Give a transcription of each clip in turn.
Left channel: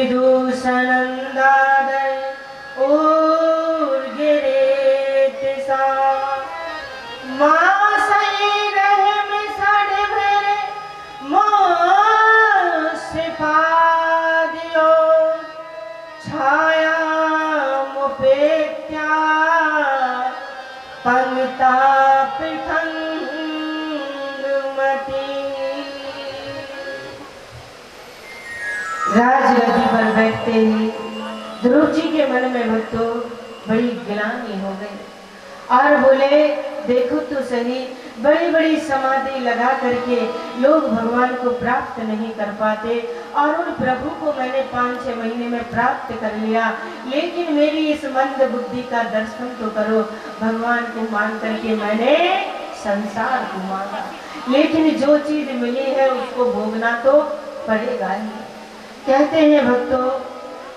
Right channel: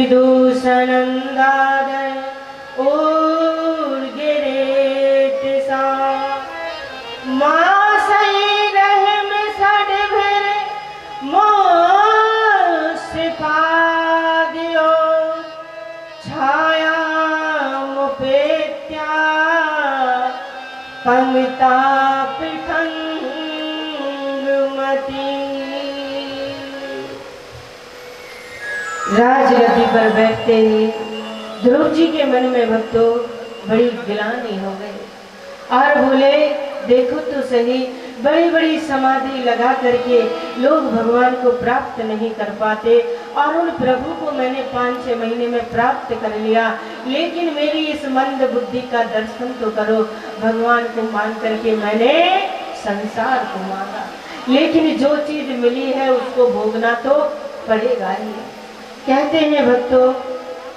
विदूषणंदादय और गिरेत सा माँ सही रहम सड़ भर मोसिफा दियो छाया मुपेत्या पंगता राजगद्दी पर बैठते ही ध्रुव जी के मन में भक्तों बड़ी गिलानी हो गई और बोले, देखो तो सही, बड़ी बड़ी समाधि लगा करके लोग भगवान को प्राप्त नहीं कर पाते और उन प्रभु को मैंने 5-6 महीने में प्राप्त कर लिया, लेकिन मेरी इस मंद बुद्धि का दर्शन तो करो। भगवान को मान करके मैंने संसार को मांगा, लेकिन जो चीज मिली है उसको भोगना तो पड़ेगा ही। कहते हैं भक्तों,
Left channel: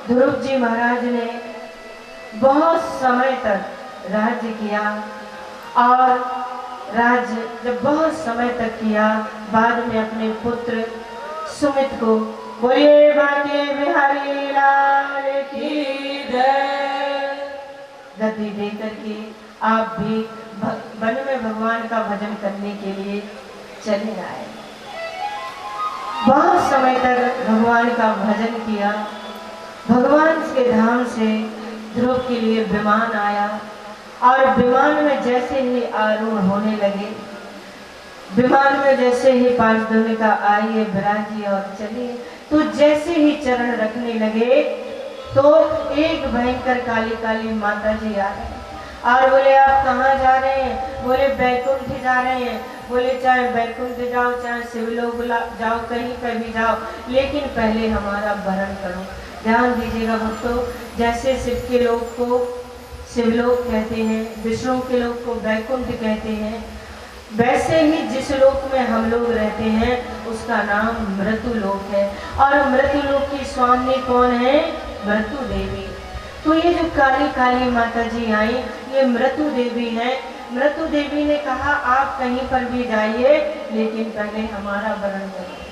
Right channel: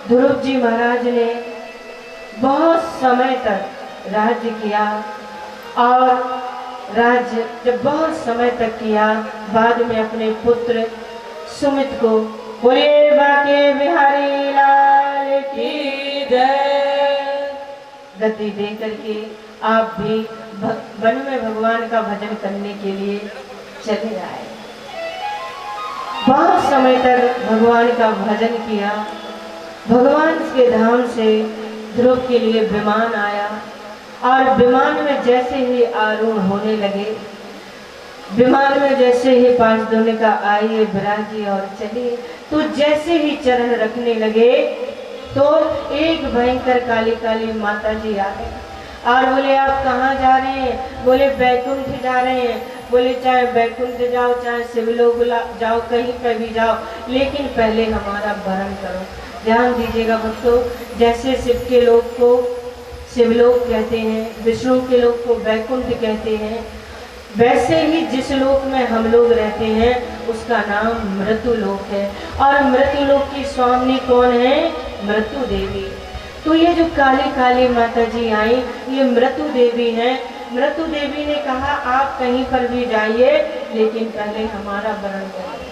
ध्रुव जी महाराज ने बहुत समय तक राज्य किया और राज्य जब बहुत समय तक किया, बाद में अपने पुत्र सुमित को, बोले बाके बिहारी लाल की जय, गद्दी दे करके आप भी वन में भगवान का भजन करने के लिए चले आए। बहुत समय तक भगवान का भजन किया। भगवान के धाम से ध्रुव के लिए विमान आया और विमान में जैसे ही आरूढ़ होने लगे, विमान में जैसे ही पांच दोने का आइए विराजिए और चलिए, तो जैसे ही चरण रखने लगे तो एक भयंकर काली काली माता जी आ गई और बोले, आप कहाँ जा रहे हैं? बोले, बैकुंठ जा रहे हैं। बोले, चाहे बैकुंठ जाओ, चाहे शिवलोक जाओ, कहीं पर भी जाओ, लेकिन पहले हमारा वरण करो। ध्यान दीजिएगा भक्तों, जैसे शिव के लोक को शिवलोक कहते हैं, विष्णु के लोक को बैकुंठ कहते हैं, वैसे ही जिस लोक में हम लोग रहते हैं उसका नाम मृत्यु लोक है। और मृत्यु लोक की स्वामी कौन है? मृत्यु देवी। तो ये जो काली काली माता जी आई, ये मृत्यु देवी हैं। मृत्यु देवी ने कहा, आप कहीं पर भी जाइए, लेकिन पहले हमारा वरण करिए।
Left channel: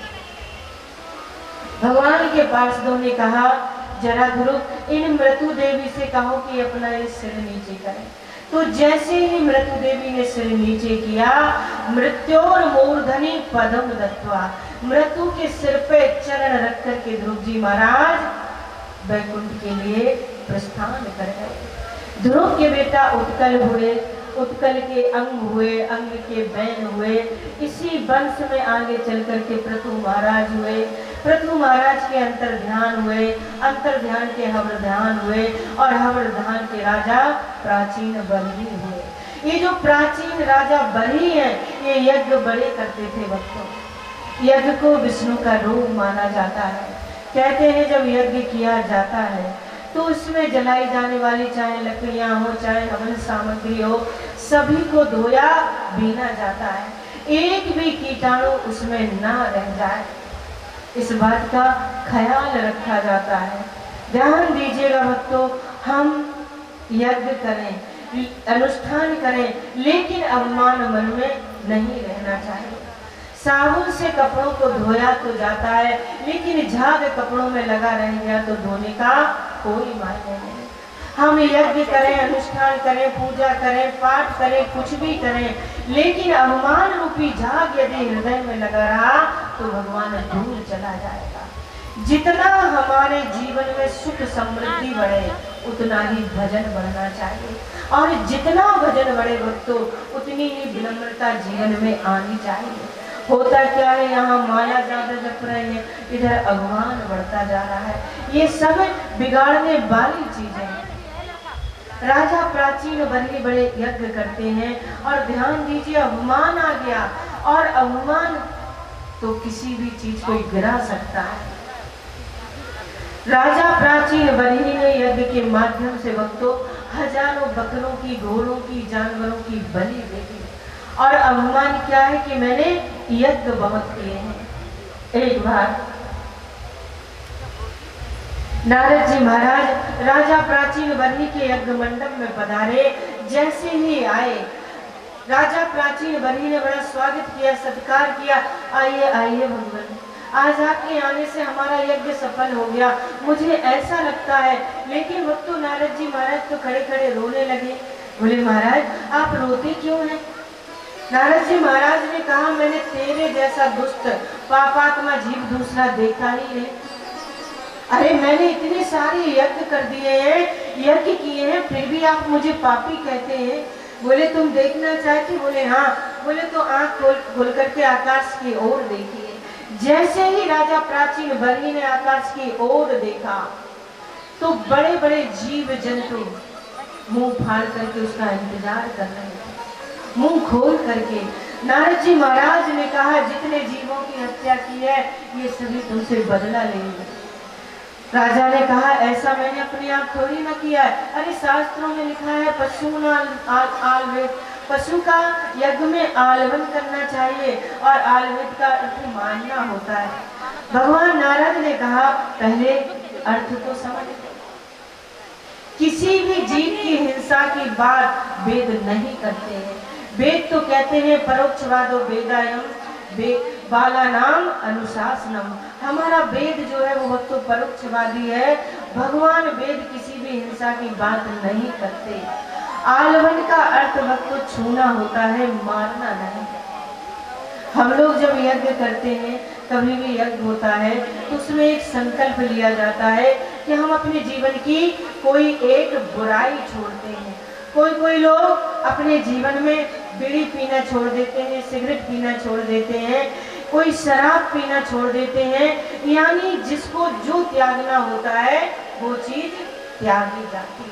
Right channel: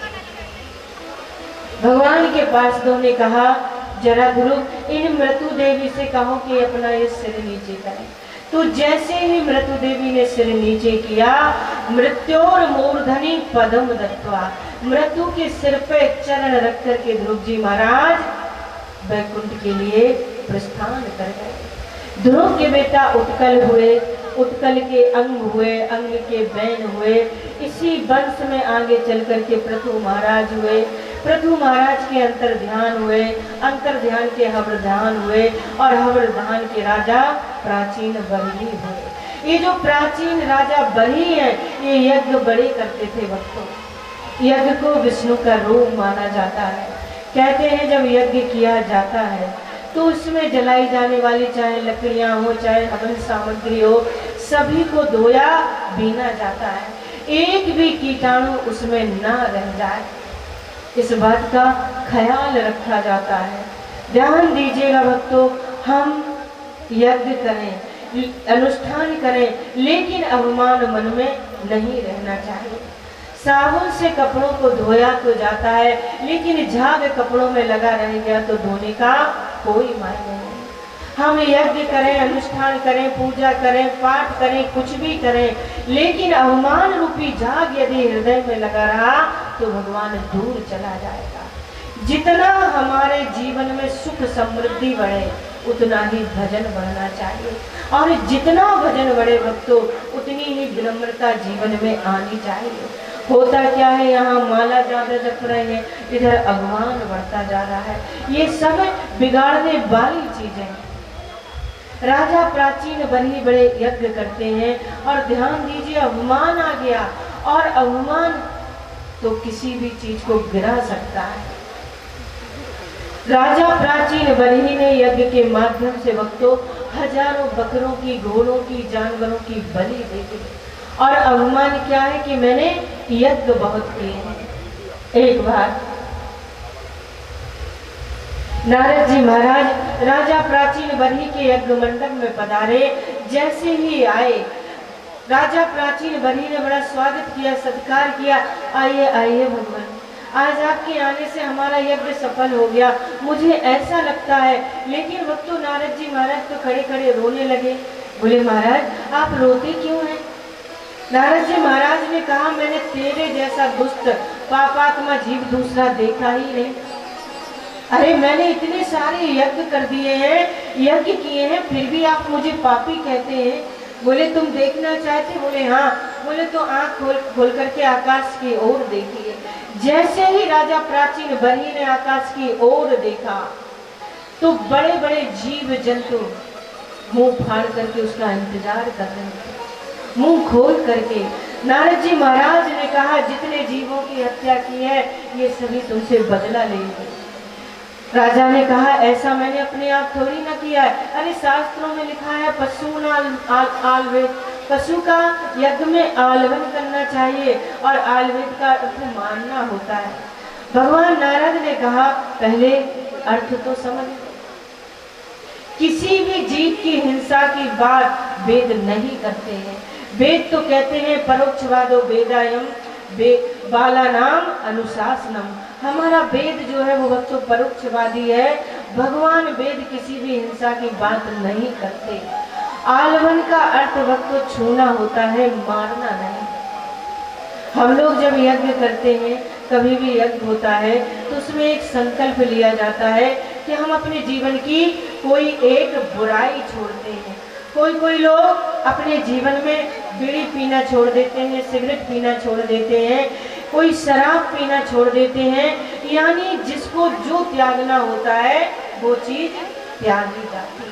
भगवान के पार्षदों ने कहा, जरा गुरु इन मृत्यु देवी से कहो कि अपना ये सिर नीचे करें। तो जैसे ही मृत्यु देवी ने सिर नीचे किया, मृत्योर मूर्धनि पदम दत्वा, मृत्यु के सिर पे चरण रख करके ध्रुव जी महाराज वैकुंठ के लिए प्रस्थान कर गए। ध्रुव के बेटा उत्कल हुए, उत्कल के अंग हुए, अंग के बैन हुए, इसी वंश में आगे चल करके पृथु महाराज हुए, पृथु महाराज के अंतर ध्यान हुए, अंतर ध्यान के हवर ध्यान हुए और हवर ध्यान के राजा प्राचीन बरही हुए। ये जो प्राचीन राजा बरही हैं, ये यज्ञ बड़े करते थे भक्तों। यज्ञ को विष्णु का रूप माना जाता है। कहते हैं जब यज्ञ किया जाता है तो उसमें जलाई जाने वाली चाहे लकड़ियां हो, चाहे हवन सामग्री हो, सभी को धोया बीना जाता है, एक भी कीटाणु उसमें ना रह जाए, इस बात का ख्याल रखा जाता है। ध्यान दीजिएगा भक्तों, हम यज्ञ करें, अनुष्ठान करें, लेकिन अभिमान मन में नहीं रहना चाहिए। साबुन से कपड़ों को धोया तो जाता है, लेकिन झाग कपड़ों में लगा रह गया तो धोने का कोई मायने नहीं। हम यज्ञ करें, अनुष्ठान करें, पूजा करें, पाठ करें, कुछ भी करें, लेकिन अभिमान रूपी झाग यदि हृदय में लगा रहा तो भगवान दूर चला जाएगा। जितना हमारे जीवन में सुख समृद्धि बढ़े, उतना ही भजन बढ़ना चाहिए, और जितना भजन बढ़े भक्तों, उतनी ही विनम्रता जीवन में आनी चाहिए। होता क्या है, यहाँ माला ज्यादा जप रहे हैं, इधर अभिमान बढ़ता जा रहा है। ये सब बिगाड़ने वाली चीजें हैं। राजा प्राचीन बरही बड़े यज्ञ करते हैं, और ध्यान दीजिए अभिमान आ गया, और अभिमान तो किसी भी चीज को गिरा सकता है। राजा प्राचीन बरही ने यज्ञ के माध्यम से भक्तों हजारों बकरों की, घोड़ों की, जानवरों की बलि देती, और अभिमान क्या है कि मैंने यज्ञ बहुत किए हैं। एक बार नारद जी महाराज राजा प्राचीन बरही के यज्ञ मंडप में पधारे। जैसे ही आए, राजा प्राचीन बरही ने बड़ा स्वागत किया, सत्कार किया, आइए आइए भगवान, आज आपके आने से हमारा यज्ञ सफल हो गया, मुझे ऐसा लगता है। लेकिन वो तो नारद जी महाराज तो खड़े खड़े रोने लगे। बोले महाराज आप रोते क्यों हैं? नारद जी महाराज ने कहा मैंने तेरे जैसा दुष्ट पापात्मा जीव दूसरा देखा ही नहीं। अरे मैंने इतने सारे यज्ञ कर दिए हैं, यज्ञ किए हैं, फिर भी आप मुझे पापी कहते हैं। बोले तुम देखना चाहते? बोले हाँ। बोले तो आंख खोल करके आकाश की ओर देखिए। जैसे ही राजा प्राचीन बलि ने आकाश की ओर देखा तो बड़े बड़े जीव जंतु मुंह फाड़ करके उसका इंतजार कर रहे थे, मुंह खोल करके। नारद जी महाराज ने कहा जितने जीवों की हत्या की है ये सभी तुमसे बदला लेंगे। राजा ने कहा ऐसा मैंने अपने आप थोड़ी ना किया है। अरे शास्त्रों में लिखा है पशु का यज्ञ में आलवन करना चाहिए और आलवेद का अर्थ मानना होता है। भगवान नारद ने कहा पहले अर्थ तो समझ। किसी भी जीव की हिंसा की बात वेद नहीं करते हैं। वेद तो कहते हैं परोक्षवादो वेदायम बाला नाम अनुशासनम। हमारा वेद जो है वो तो परोक्षवादी है। भगवान वेद किसी भी हिंसा की बात नहीं करते। आलवन का अर्थ वक्त तो छूना होता है, मारना नहीं। हम लोग जब यज्ञ करते हैं, कभी भी यज्ञ होता है तो उसमें एक संकल्प लिया जाता है कि हम अपने जीवन की कोई एक बुराई छोड़ते हैं। कोई लोग अपने जीवन में बीड़ी पीना छोड़ देते हैं, सिगरेट पीना छोड़ देते हैं, कोई शराब पीना छोड़ देते हैं। यानी जिसको जो त्यागना होता है वो चीज त्यागी जाती है।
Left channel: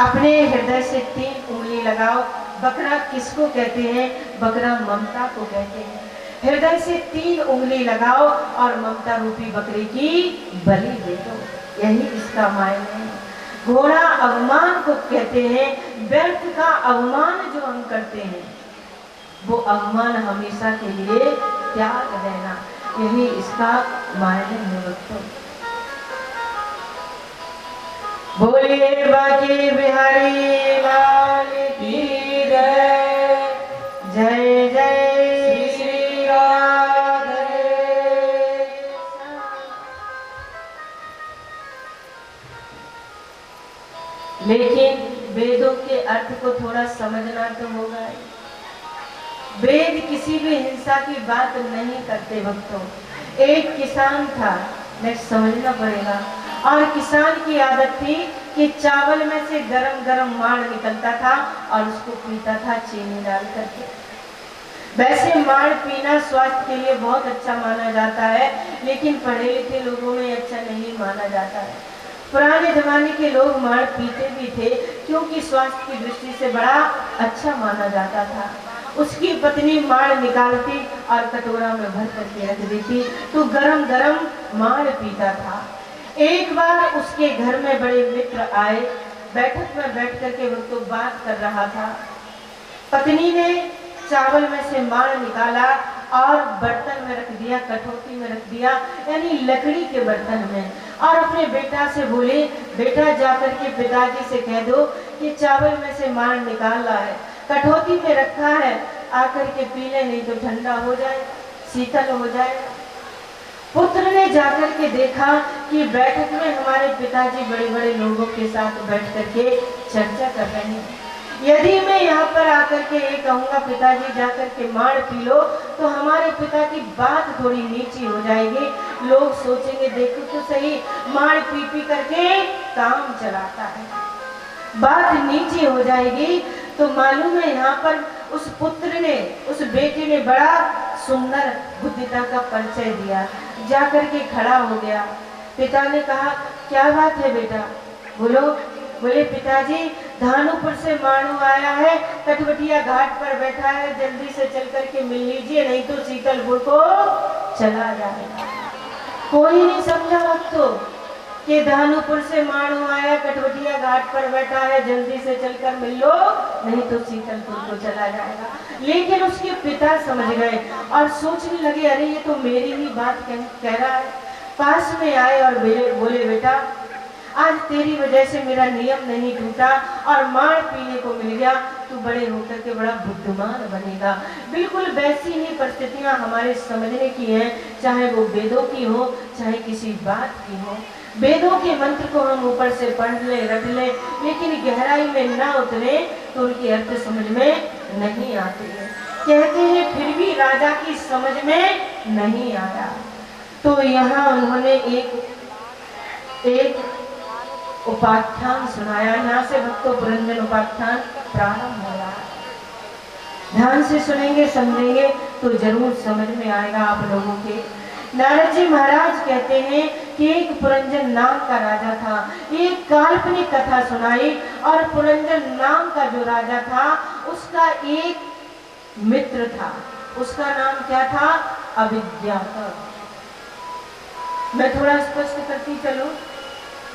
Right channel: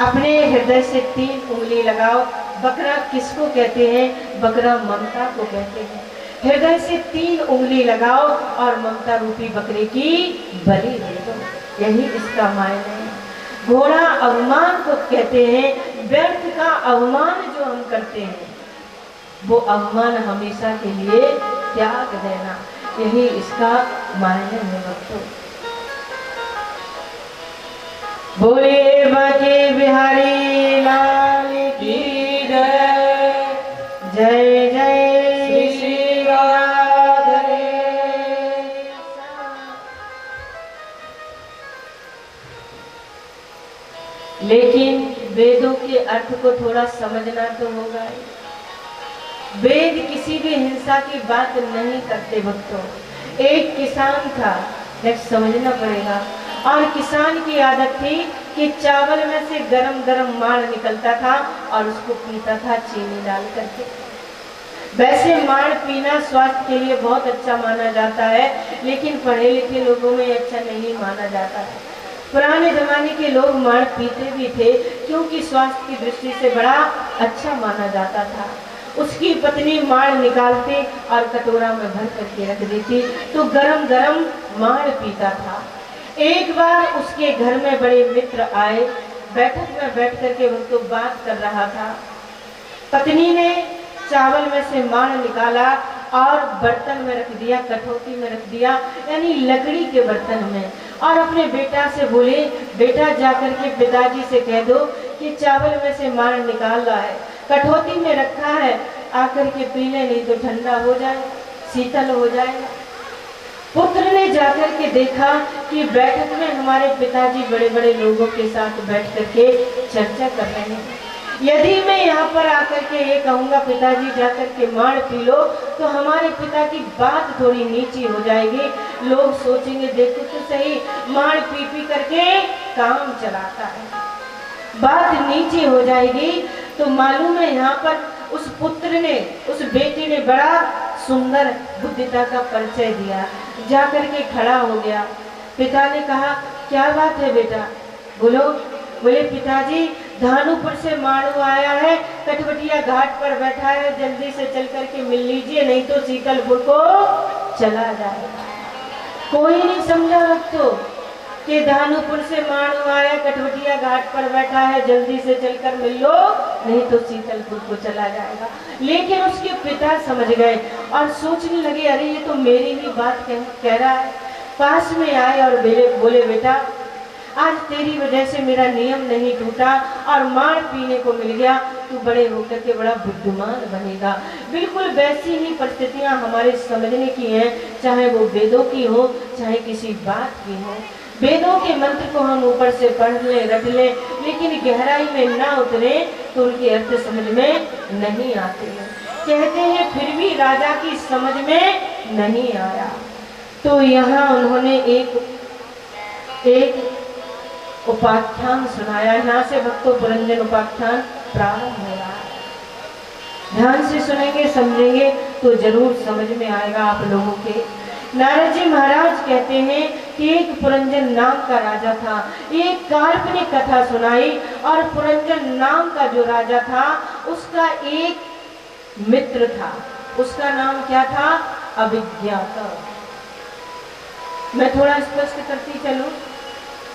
अपने हृदय से 3 उंगली लगाओ। बकरा किसको कहते हैं? बकरा ममता को कहते हैं। हृदय से 3 उंगली लगाओ और ममता रूपी बकरे की बलि दे दो। यही इसका मायने है। घोड़ा अवमान को कहते हैं। व्यर्थ का अवमान जो हम करते हैं वो अवमान हमेशा के लिए त्याग देना, यही इसका मायने है भक्तों। बोले बाके बिहारी लाल की जय। जय जय श्री राधे। लेकिन वेदों के अर्थ को थोड़ा समझना तो होगा। वेद किसी भी हिंसा की बात नहीं करते भक्तों। एक किसान था, नेक्स्ट समझना पड़ेगा। और किसान की आदत थी कि चावल में से गरम गरम माड़ निकलता था और उसको पीता था चीनी डाल करके। वैसे माड़ पीना स्वास्थ्य के लिए बहुत अच्छा माना जाता है, लेकिन पढ़े लिखे लोगों में अच्छा नहीं माना जाता है। पुराने जमाने के लोग माड़ पीते भी थे क्योंकि स्वास्थ्य की दृष्टि से बड़ा अच्छा माना जाता था। उसकी पत्नी माड़ निकालती और कटोरा में भर करके रख देती तो गरम गरम माड़ पीता था। एक बार उसके घर में बड़े मित्र आए, बैठक में बैठ करके वो तो बात कर रहा था। पत्नी ने चावल में से माड़ निकाला और बर्तन में रख दिया, कठौती में रख दिया, यानी लकड़ी के बर्तन में, और अपने बेटा से बोले बेटा जाकर के पिताजी से कह दो कि चावल में से माड़ निकाल रहा है, कठौती में रखा है, आकर के पी ले, नहीं तो ठंडा हो जाए, शीतल हो जाएगा। पुत्र ने जाकर के देखा कि बैठक में हमारे पिताजी बड़े बड़े लोगों के साथ बैठ करके चर्चा कर रहे हैं। यदि मैं यहाँ पर आकर के ये कहूँगा पिताजी जाकर के माड़ पी लो तो हमारे पिता की बात थोड़ी नीची हो जाएगी। लोग सोचेंगे देखो तो सही, माड़ पी पी करके काम चलाता है, बात नीची हो जाएगी। तो मालूम है यहाँ पर उस पुत्र ने, उस बेटे ने बड़ा सुंदर बुद्धिता का परिचय दिया। जाकर के खड़ा हो गया। पिता ने कहा क्या बात है बेटा? बोलो। बोले पिताजी धानुपुर से माड़ू आया है, कटवटिया घाट पर बैठा है, जल्दी से चल करके मिल लीजिए, नहीं तो शीतलपुर को चला जाएगा। कोई नहीं समझा भक्तों कि धानुपुर से माड़ू आया, कटवटिया घाट पर बैठा है, जल्दी से चलकर मिल लो, नहीं तो शीतलपुर को चला जाएगा। लेकिन उसके पिता समझ गए और सोचने लगे अरे ये तो मेरी ही बात कह रहा है। पास में आए और बोले बेटा आज तेरी वजह से मेरा नियम नहीं टूटा और मार पीने को मिल गया, तू बड़े होकर के बड़ा बुद्धिमान बनेगा। बिल्कुल वैसी ही परिस्थितियां हमारे समझने की हैं, चाहे वो वेदों की हो, चाहे किसी बात की हो। वेदों के मंत्र को हम ऊपर से पढ़ ले, रट ले, लेकिन गहराई में ना उतरे तो उनकी अर्थ समझ में नहीं आते हैं। कहते हैं फिर भी राजा की समझ में नहीं आया, तो यहाँ उन्होंने एक उपाख्यान सुनाया। यहाँ से भक्तों पुरंजन उपाख्यान प्रारंभ हो रहा है। ध्यान से सुनेंगे, समझेंगे तो जरूर समझ में आएगा आप लोगों के। नारद जी महाराज कहते हैं कि एक पुरंजन नाम का राजा था। एक काल्पनिक कथा सुनाई, और पुरंजन नाम का जो राजा था उसका एक मित्र था। उसका नाम क्या था? अभिज्ञाता। मैं थोड़ा स्पष्ट करती चलूं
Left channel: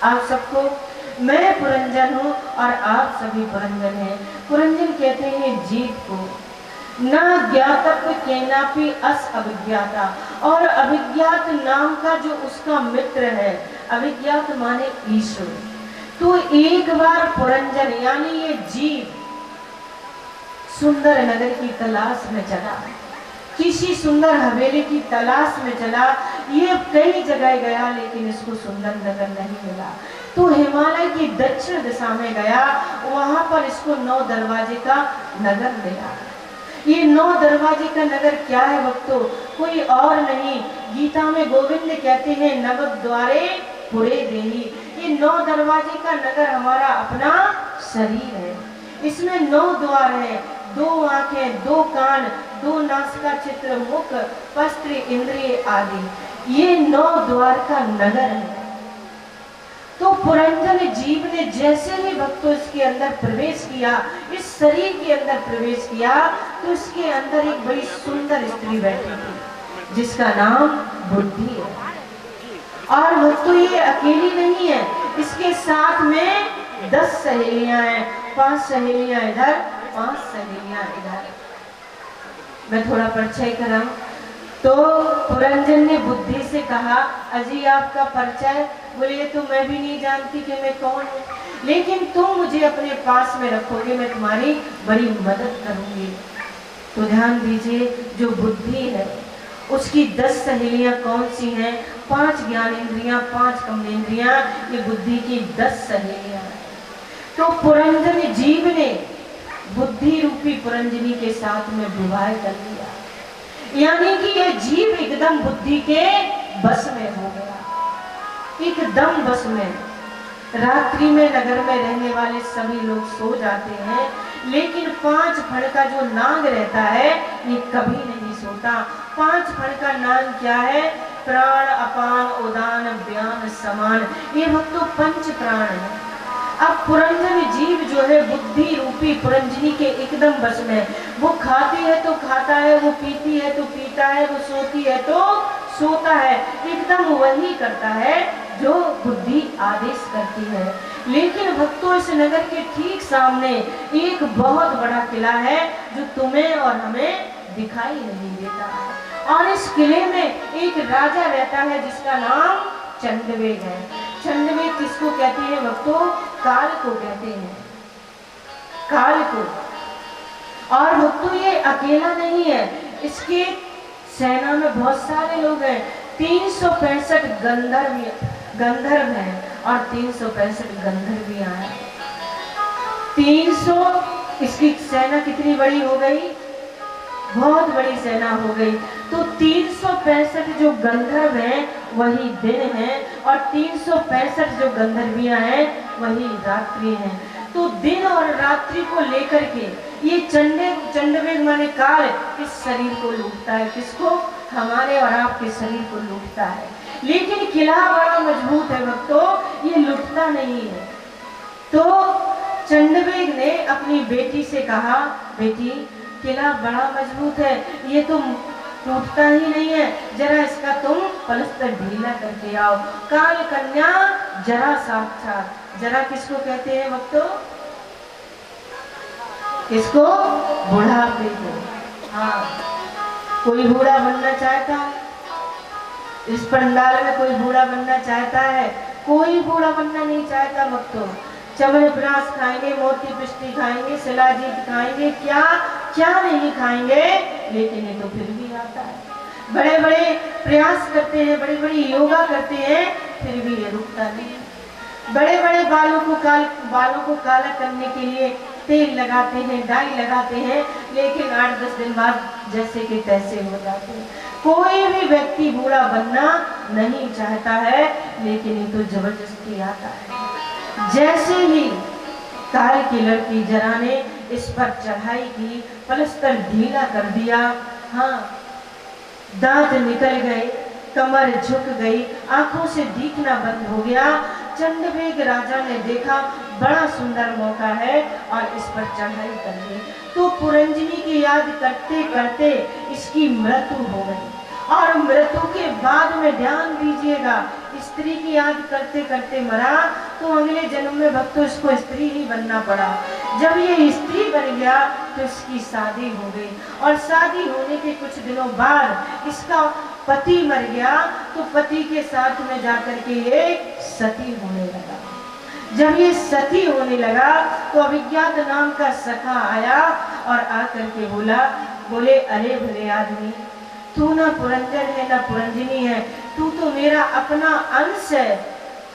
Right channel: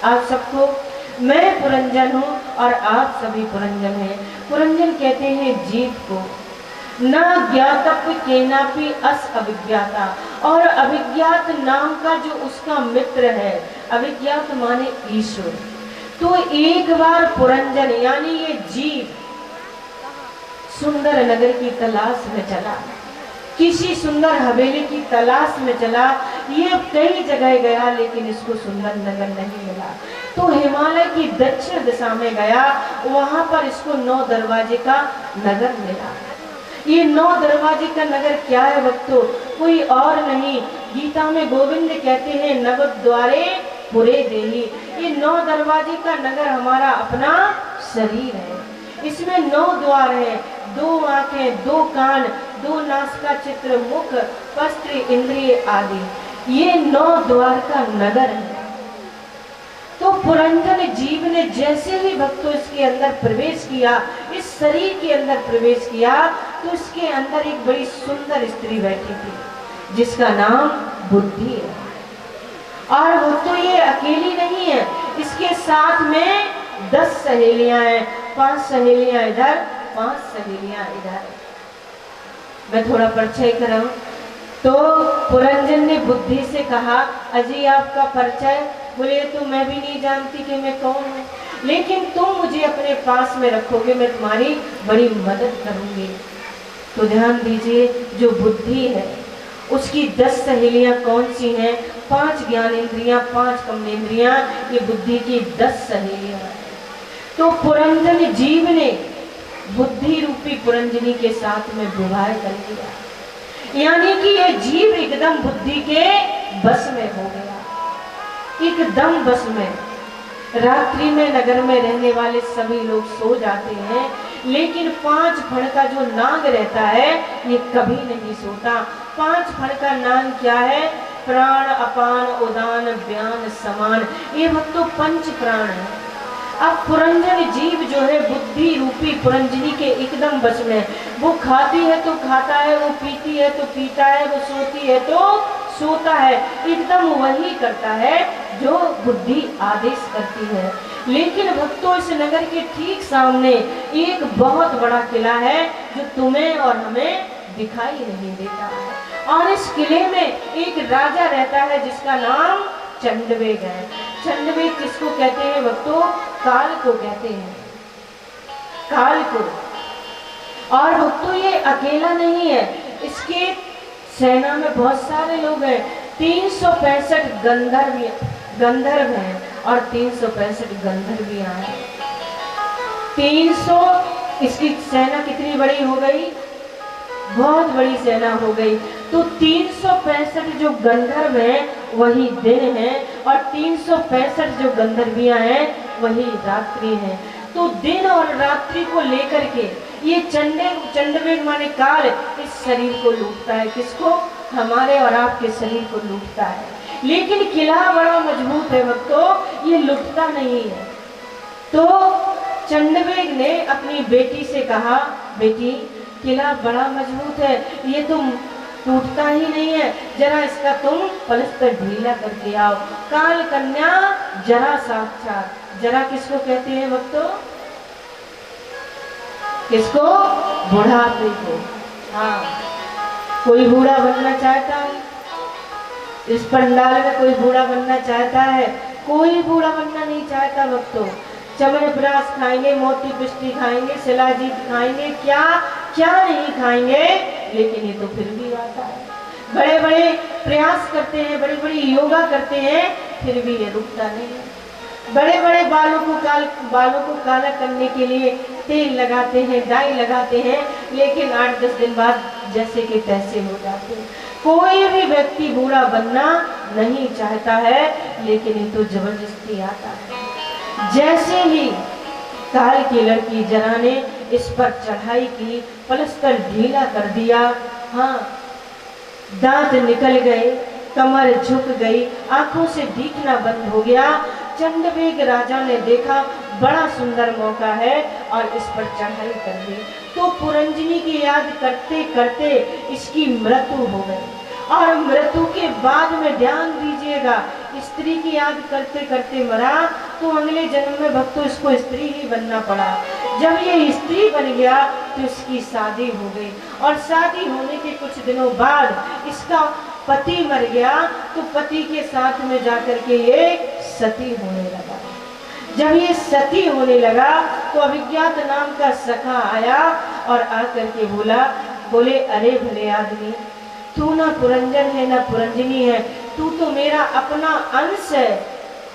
आप सबको। मैं पुरंजन हूँ और आप सभी पुरंजन हैं। पुरंजन कहते हैं जीव को। ना ज्ञातव्य केनापि अस अभिज्ञाता, और अभिज्ञात नाम का जो उसका मित्र है, अभिज्ञात माने ईश्वर। तो एक बार पुरंजन यानी ये जीव सुंदर नगर की तलाश में चला, किसी सुंदर हवेली की तलाश में चला। ये कई जगह गया लेकिन इसको सुंदर नगर नहीं मिला। तो हिमालय की दक्षिण दिशा में गया, वहां पर इसको 9 दरवाजे का नगर मिला। ये 9 दरवाजे का नगर क्या है भक्तों? कोई और नहीं, गीता में गोविंद कहते हैं नव द्वारे पुरे देही। ये 9 दरवाजे का नगर हमारा अपना शरीर है। इसमें 9 द्वार है, 2 आंखें, 2 कान, 2 नासिका चित्र, मुख, वस्त्र, इंद्रिय आदि। ये 9 द्वार का नगर है। तो पुरंजन जीव ने जैसे ही भक्तों इसके अंदर प्रवेश किया, इस शरीर के अंदर प्रवेश किया, तो इसके अंदर एक बड़ी सुंदर स्त्री बैठी थी जिसका नाम बुद्धि है। और वो तो ये अकेली नहीं है, इसके साथ में 10 सहेलियां हैं। 5 सहेलियां इधर, 5 सहेलियां इधर। मैं थोड़ा परिचय कराऊं तो पुरंजन ने बुद्धि से कहा, अजी आपका परिचय? बोले तो मैं भी नहीं जानती कि मैं कौन हूँ, लेकिन तुम मुझे अपने पास में रखोगे, मैं तुम्हारी बड़ी मदद करूंगी। तो ध्यान दीजिए, जो बुद्धि है उसकी 10 सहेलियां कौन सी हैं? 5 ज्ञानेंद्रियां, 5 कर्मेंद्रियां, ये बुद्धि की 10 सहेलियां हैं। तो पुरंजन जीव ने बुद्धि रूपी पुरंजनी के साथ में विवाह कर लिया, यानी कि ये जीव एकदम बुद्धि के बस में हो गया, एकदम बस में। रात्रि में नगर में रहने वाले सभी लोग सो जाते हैं, लेकिन 5 फण का जो नाग रहता है ये कभी नहीं सोता। 5 फण का नाग क्या है? प्राण, अपान, उदान, व्यान, समान। ये भक्तों 5 प्राण है। अब पुरंजन जीव जो है बुद्धि रूपी पुरंजनी के एकदम बस में। वो खाती है तो खाता है, वो पीती है तो पीता है, वो सोती है तो सोता है, एकदम वही करता है जो बुद्धि आदेश करती है। लेकिन भक्तों इस नगर के ठीक सामने एक बहुत बड़ा किला है जो तुम्हें और हमें दिखाई नहीं देता है, और इस किले में एक राजा रहता है जिसका नाम चंडवेग है। चंडवेग किसको कहते हैं भक्तों? काल को कहते हैं, काल को। और भक्तों ये अकेला नहीं है, इसके सेना में बहुत सारे लोग हैं। 365 गंधर्व हैं और 365 गंधर्वियां हैं। 300, इसकी सेना कितनी बड़ी हो गई? बहुत बड़ी सेना हो गई। तो 365 जो गंधर्व हैं वही दिन है, और 365 जो गंधर्वियां हैं वही रात्रि हैं। तो दिन और रात्रि को लेकर के ये चंडवेग माने काल इस शरीर को लूटता है। किसको? हमारे और आपके शरीर को लूटता है। लेकिन किला बड़ा मजबूत है भक्तों, ये लुटता नहीं है। तो चंडवेग ने अपनी बेटी से कहा, बेटी किला बड़ा मजबूत है, ये तुम टूटता ही नहीं है, जरा इसका तुम पलस्तर ढीला करके आओ। काल कन्या जरा साक्षात, जरा किसको कहते हैं भक्तों? किसको? बुढ़ापे को। हाँ, कोई बूढ़ा बनना चाहता है? इस पंडाल में कोई बूढ़ा बनना चाहता है? कोई बूढ़ा बनना नहीं चाहता भक्तों। च्यवनप्राश खाएंगे, मोती पिष्टी खाएंगे, शिलाजीत खाएंगे, क्या क्या नहीं खाएंगे, लेकिन ये तो फिर भी आता है। बड़े बड़े प्रयास करते हैं, बड़ी बड़ी योगा करते हैं, फिर भी ये रुकता नहीं। बड़े बड़े बालों को काला करने के लिए तेल लगाते हैं, डाई लगाते हैं, लेकिन 8-10 दिन बाद जैसे कि तैसे हो जाते हैं। कोई भी व्यक्ति बूढ़ा बनना नहीं चाहता है, लेकिन ये तो जबरदस्ती आता है। जैसे ही काल की लड़की जरा ने इस पर चढ़ाई की, पलस्तर ढीला कर दिया, हाँ, दांत निकल गए, कमर झुक गई, आंखों से दिखना बंद हो गया। चंडवेग राजा ने देखा बड़ा सुंदर मौका है और इस पर चढ़ाई कर दी, तो पुरंजनी की याद करते करते इसकी मृत्यु हो गई। और मृत्यु के बाद में ध्यान दीजिएगा, स्त्री की याद करते करते मरा, तो अगले जन्म में भक्तों इसको स्त्री ही बनना पड़ा। जब ये स्त्री बन गया तो इसकी शादी हो गई, और शादी होने के कुछ दिनों बाद इसका पति मर गया, तो पति के साथ में जाकर के ये सती होने लगा। जब ये सती होने लगा तो अभिज्ञात नाम का सखा आया और आकर के बोले अरे भले आदमी, तू ना पुरंजन है ना पुरंजनी है, तू तो मेरा अपना अंश है,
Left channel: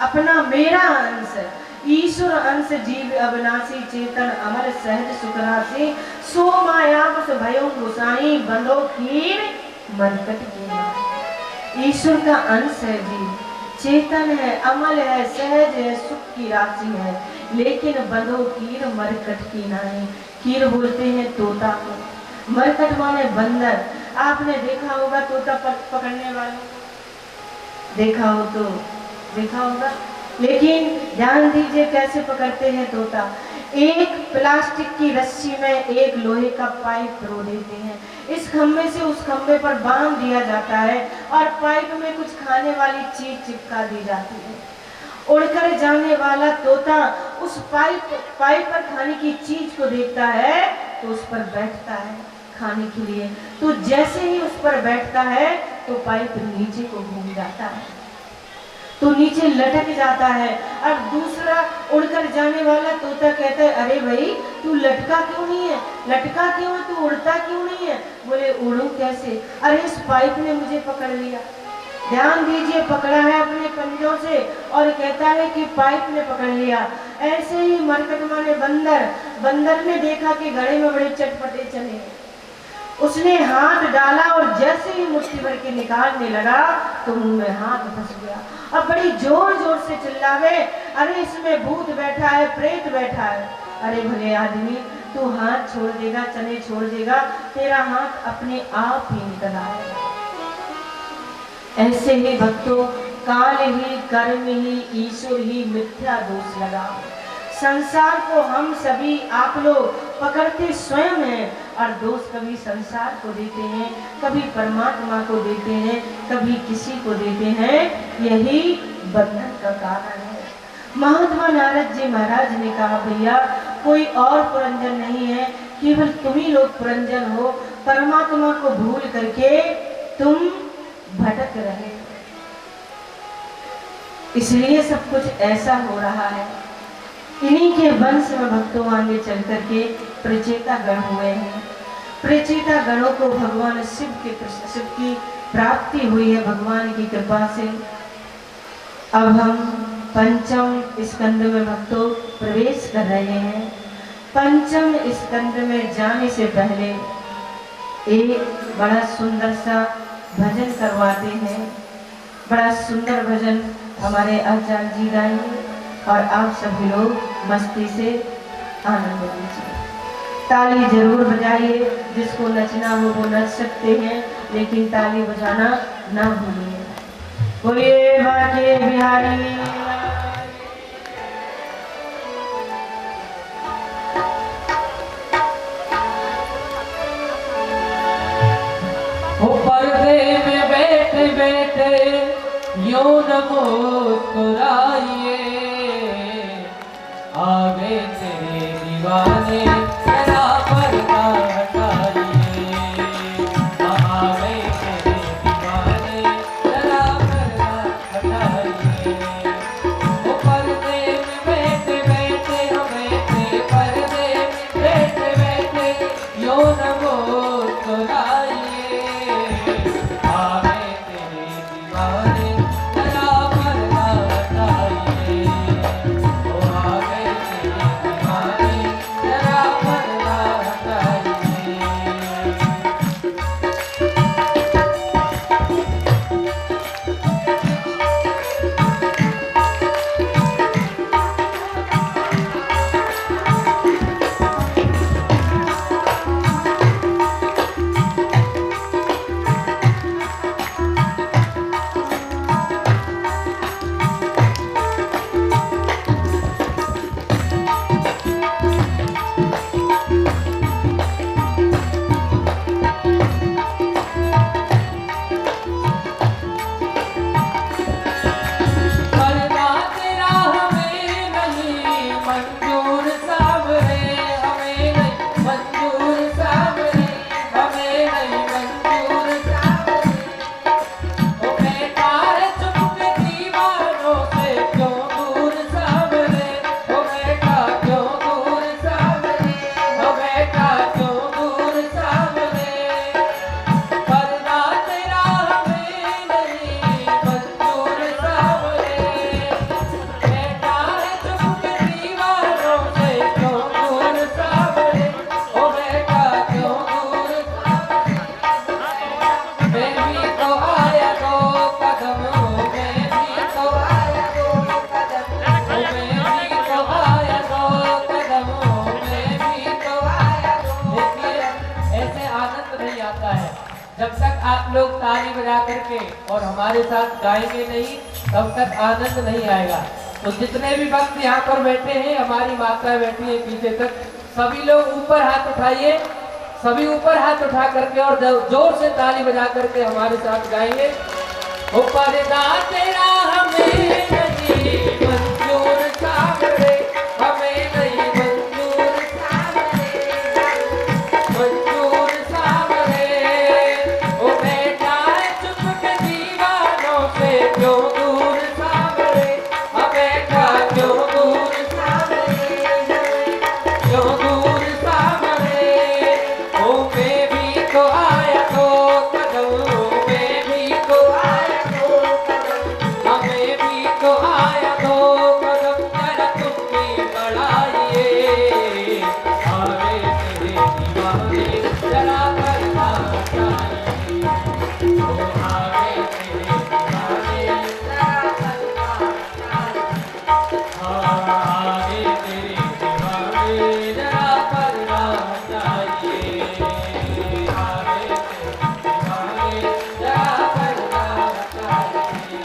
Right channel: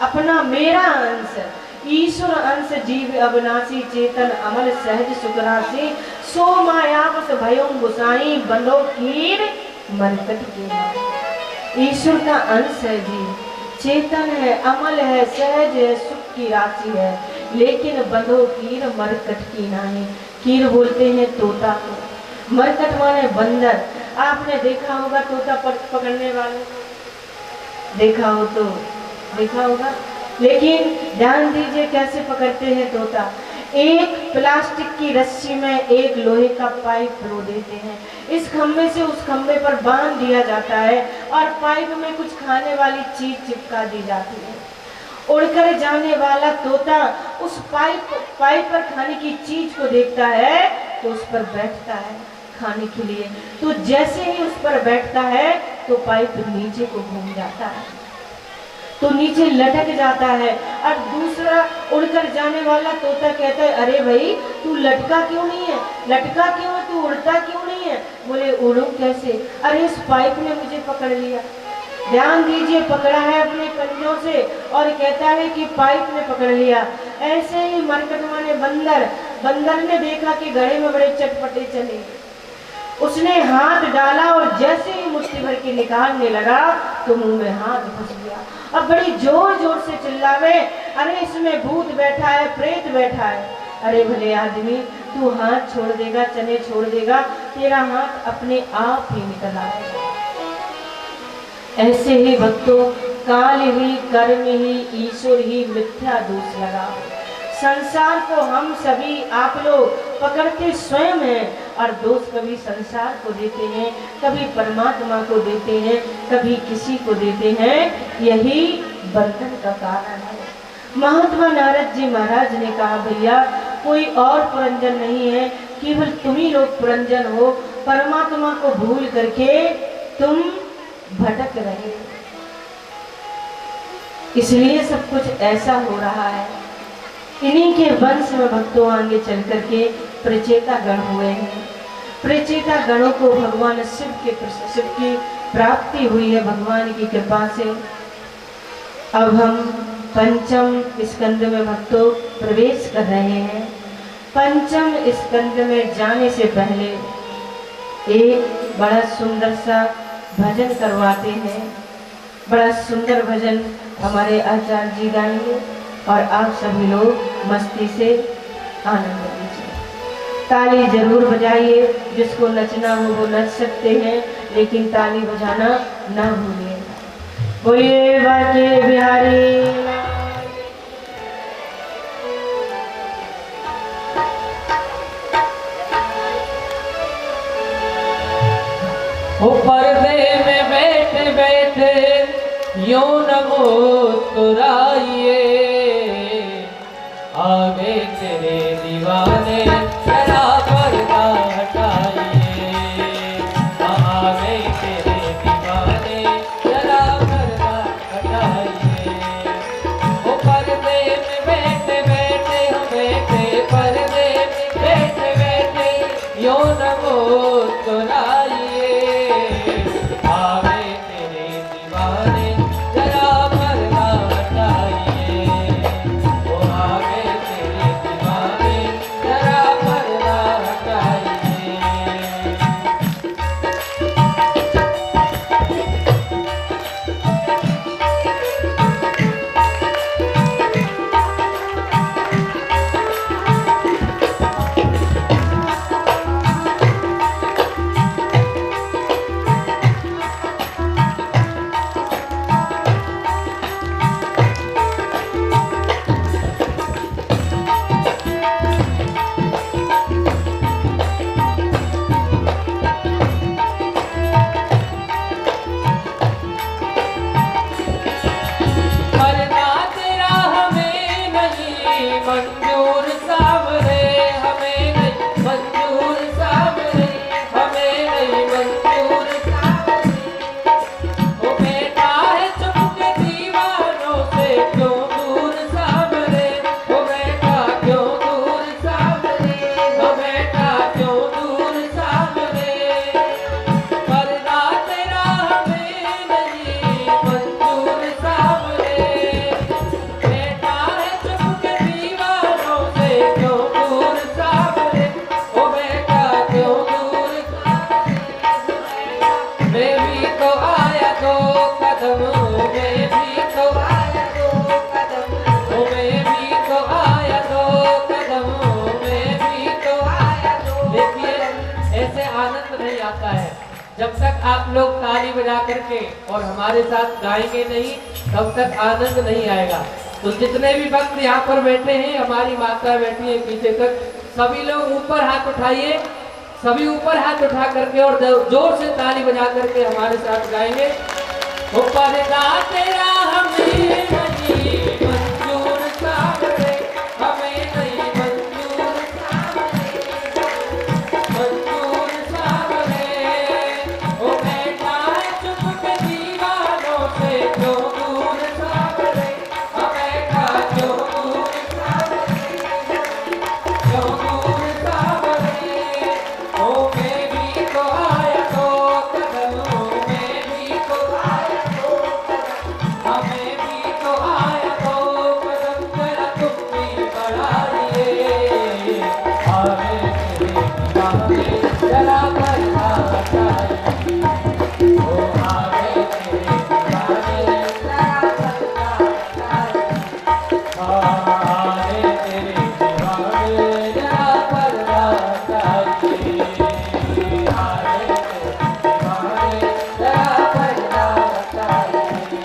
अपना मेरा अंश है, ईश्वर अंश, जीव अविनाशी, चेतन अमर, सहज सुखराशि, सो मायावश भयो गोसाई, बंदो कीर मरकट की। ईश्वर का अंश है जी, चेतन है, अमल है, सहज है, सुख की राशि है, लेकिन बंदो कीर मरकट की नहीं। कीर बोलते हैं तोता को, मरकट माने बंदर। आपने देखा होगा तोता पकड़ने वाले, देखा हो तो देखा होगा, लेकिन ध्यान दीजिए कैसे पकड़ते हैं तोता। एक प्लास्टिक की रस्सी में एक लोहे का पाइप रो देते हैं, इस खंभे से उस खंभे पर बांध दिया जाता है और पाइप में कुछ खाने वाली चीज चिपका दी जाती है। उड़कर जाने वाला तोता उस पाइप पर खाने की चीज को देखता है तो उस पर बैठता है खाने के लिए, तो जैसे ही उस पर बैठता है तो पाइप नीचे को घूम जाता है, तो नीचे लटक जाता है। और दूसरा उड़कर जाने वाला तोता कहता है अरे भाई तू लटका क्यों नहीं है, लटका क्यों है, तू उड़ता क्यों नहीं है? बोले उड़ूं कैसे, अरे इस पाइप ने मुझे पकड़ लिया। ध्यान दीजिए, पकड़ा है अपने पंजों से और कहता है कि पाइप ने पकड़ लिया। ऐसे ही मरकट माने बंदर ने देखा कि घड़े में बड़े चटपटे चले, उसने हाथ डाला और जैसे ही मुट्ठी भर के निकालने लगा तो मुंह में हाथ फंस गया और बड़ी जोर जोर से चिल्लावे अरे इसमें भूत बैठा है, प्रेत बैठा है। अरे भले आदमी, तू हाथ छोड़ देगा, चने छोड़ देगा, तेरा हाथ अपने आप ही निकल आएगा। ऐसे ही भक्तों, काल ही, कर्म ही, ईश्वर ही मिथ्या दोष लगा। संसार को हम सभी आप लोग पकड़ते स्वयं हैं और दोष कभी संसार को देते हैं, कभी परमात्मा को देते हैं, कभी किसी को देते हैं। यही बंधन का कारण है। महात्मा नारद जी महाराज ने कहा भैया कोई और पुरंजन नहीं है, केवल तुम ही लोग पुरंजन हो। परमात्मा को भूल करके तुम भटक रहे, इसलिए सब कुछ ऐसा हो रहा है। इन्हीं के वंश में भक्तों आगे चल करके प्रचेता गण हुए हैं। प्रचेता गणों को भगवान शिव की प्राप्ति हुई है भगवान की कृपा से। अब हम पंचम स्कंद में भक्तों प्रवेश कर रहे हैं। पंचम स्कंद में जाने से पहले एक बड़ा सुंदर सा भजन करवाते हैं। बड़ा सुंदर भजन हमारे आचार्य जी गाएंगे और आप सभी लोग मस्ती से आनंद लीजिए। ताली जरूर बजाइए, जिसको नचना हो वो नच सकते हैं, लेकिन ताली बजाना ना भूलिए। बोलिए बाके बिहारी। पर्दे में बैठे बैठे यूं न मुस्कुराइए, आगे तेरे दीवाने तेरा पर्दा हटाइए, आगे तेरे दीवाने तेरा पर्दा हटाइए। वो पर्दे में बैठे बैठे क्यों न मुस्कुराइए, आवे तेरे दीवाने जरा पर्दा हटाइए, ओ आवे तेरे दीवाने जरा पर्दा हटाइए। पर्दा तेरा हमें नहीं मंजूर सावरे, हमें नहीं मंजूर सावरे, हमें नहीं मंजूर सावरे। ओ बेटा है चुप के दीवानों से क्यों दूर सावरे, ओ बेटा क्यों दूर सावरे, ओ बेटा क्यों दूर सावरे। पर्दा तेरा हमें नहीं मंजूर सावरे, बेटा है चुप के दीवानों से क्यों दूर सावरे, ओ बेटा क्यों दूर सावरे। मैं भी तो आया दो कदम, मैं भी तो आया दो कदम, ओ मैं भी तो आया दो कदम, मैं भी तो आया दो। देखिए ऐसे आनंद नहीं आता है जब तक आप लोग ताली बजा करके और हमारे साथ गाएंगे नहीं, तब तक आनंद नहीं आएगा। तो जितने भी भक्त यहाँ पर बैठे हैं, हमारी माता बैठी है पीछे तक, सभी लोग ऊपर हाथ उठाइए, सभी ऊपर हाथ उठा करके और जोर से ताली बजा करके हमारे साथ गाएंगे। ओ पर्दा तेरा हमें नहीं मंजूर सावरे, हमें नहीं मंजूर सावरे, मंजूर सावरे। ओ बेटा है चुप के दीवानों से क्यों दूर सावरे, ओ बेटा क्यों दूर सावरे, क्यों दूर सावरे। ओ मैं भी तो आया दो कदम, मैं भी तो आया दो कदम, हमें भी तो आया दो कदम, जरा तुम भी बढ़ाइए, आवे तेरे दीवाने जरा पर्दा हटाइए, ओ आवे तेरे दीवाने जरा पर्दा हटाइए, आवे तेरे दीवाने जरा पर्दा हटाइए, आवे तेरे दीवाने जरा पर्दा हटाइए।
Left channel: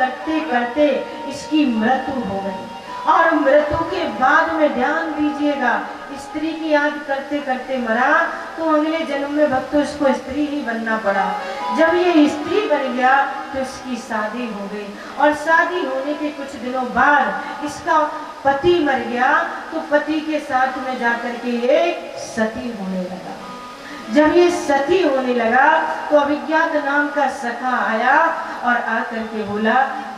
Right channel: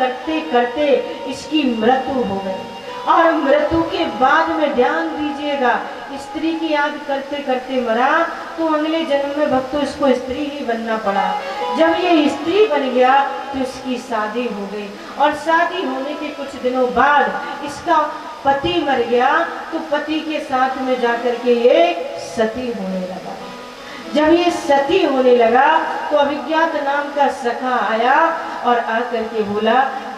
करते करते इसकी मृत्यु हो गई। और मृत्यु के बाद में ध्यान दीजिएगा, स्त्री की याद करते करते मरा तो अगले जन्म में भक्तों इसको स्त्री ही बनना पड़ा। जब ये स्त्री बन गया तो इसकी शादी हो गई, और शादी होने के कुछ दिनों बाद इसका पति मर गया, तो पति के साथ में जाकर के ये सती होने लगा। जब ये सती होने लगा तो अभिज्ञात नाम का सखा आया और आकर के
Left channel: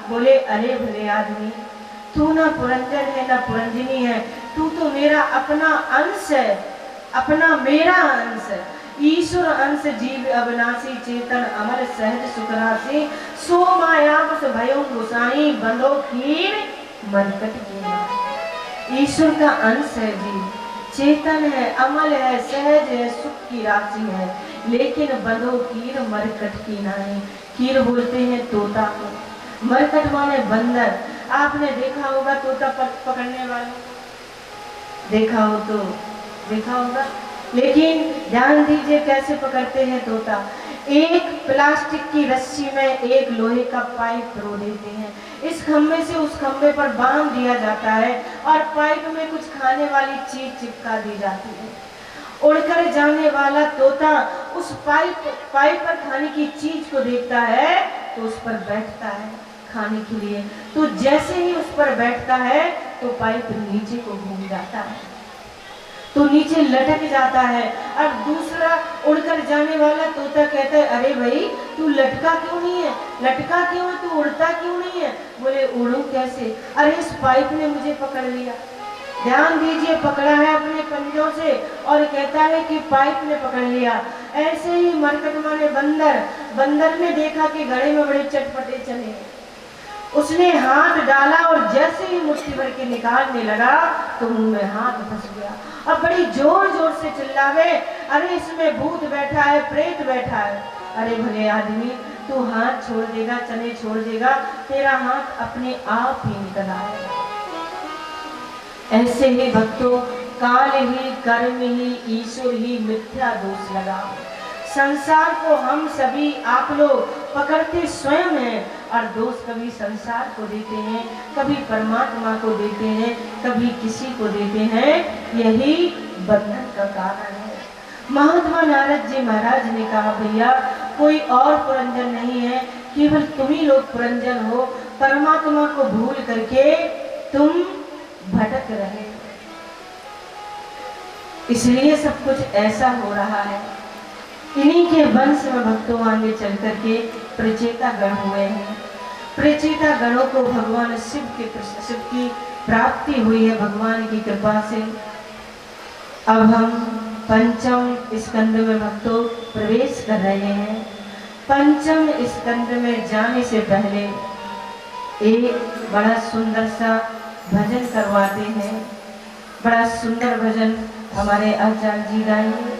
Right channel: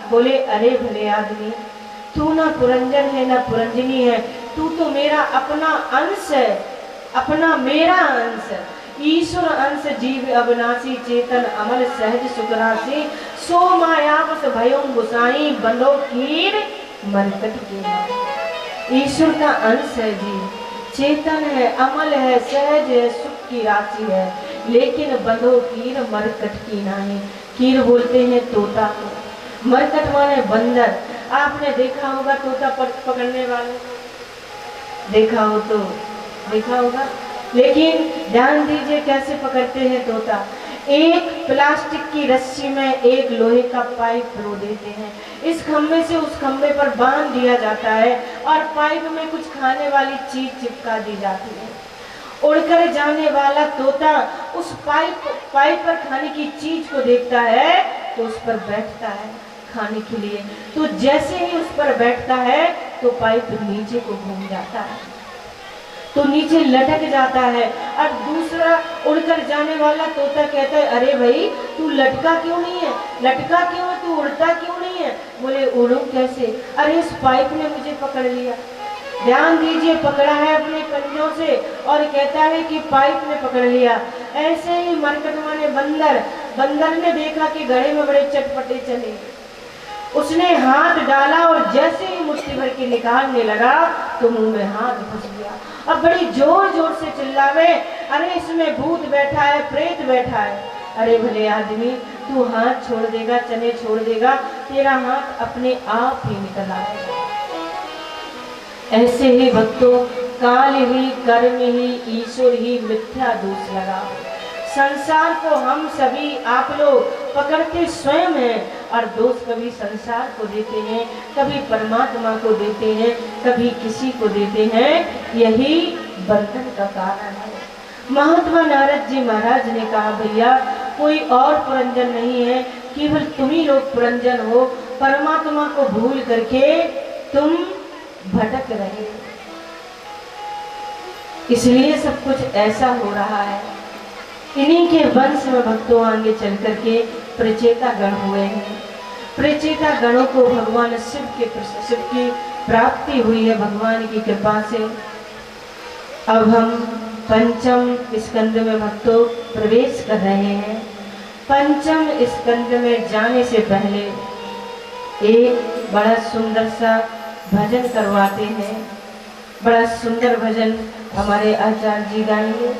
बोले अरे भले आदमी, तू ना पुरंजन है ना पुरंजनी है, तू तो मेरा अपना अंश है, अपना मेरा अंश है, ईश्वर अंश जीव अविनाशी चेतन अमर सहज सुखराशि सो मायावश भयो गोसाई बंदो कीर मरकट की। ईश्वर का अंश है जीव, चेतन है, अमल है, सहज है, सुख की राशि है, लेकिन बंदो कीर मरकट की नहीं। कीर बोलते हैं तोता को, मरकट माने बंदर। आपने देखा होगा तोता पकड़ने वाले, देखा हो तो देखा होगा, लेकिन ध्यान दीजिए कैसे पकड़ते हैं तोता। एक प्लास्टिक की रस्सी में एक लोहे का पाइप रो देते हैं, इस खंभे से उस खंभे पर बांध दिया जाता है और पाइप में कुछ खाने वाली चीज चिपका दी जाती है। उड़कर जाने वाला तोता उस पाइप पर खाने की चीज को देखता है तो उस पर बैठता है खाने के लिए। तो जैसे ही उस पर बैठता है तो पाइप नीचे को घूम जाता है, तो नीचे लटक जाता है। और दूसरा उड़कर जाने वाला तोता कहता है अरे भाई तू लटका क्यों नहीं है, लटका क्यों है, तू उड़ता क्यों नहीं है? बोले उड़ूं कैसे, अरे इस पाइप ने मुझे पकड़ लिया। ध्यान दीजिए, पकड़ा है अपने पंजों से और कहता है कि पाइप ने पकड़ लिया। ऐसे ही मरकट माने बंदर ने देखा कि घड़े में बड़े चटपटे चले, उसने हाथ डाला और जैसे ही मुट्ठी भर के निकालने लगा तो मुंह में हाथ फंस गया और बड़ी जोर जोर से चिल्लावे अरे इसमें भूत बैठा है, प्रेत बैठा है। अरे भले आदमी, तू हाथ छोड़ देगा, चने छोड़ देगा, तेरा हाथ अपने आप ही निकल आएगा। ऐसे ही भक्तों, काल ही, कर्म ही, ईश्वर ही मिथ्या दोष लगा। संसार को हम सभी आप लोग पकड़ते स्वयं हैं और दोष कभी संसार को देते हैं, कभी परमात्मा को देते हैं, कभी किसी को देते हैं। यही बंधन का कारण है। महात्मा नारद जी महाराज ने कहा भैया कोई और पुरंजन नहीं है, केवल तुम ही लोग पुरंजन हो। परमात्मा को भूल करके तुम भटक रहे, इसलिए सब कुछ ऐसा हो रहा है। इन्हीं के वंश में भक्तों आगे चल करके प्रचेता गण हुए हैं। प्रचेता गणों को भगवान शिव की प्राप्ति हुई है भगवान की कृपा से। अब हम पंचम स्कंद में भक्तों प्रवेश कर रहे हैं। पंचम स्कंद में जाने से पहले एक बड़ा सुंदर सा भजन करवाते हैं। बड़ा सुंदर भजन हमारे आचार्य जी गाएंगे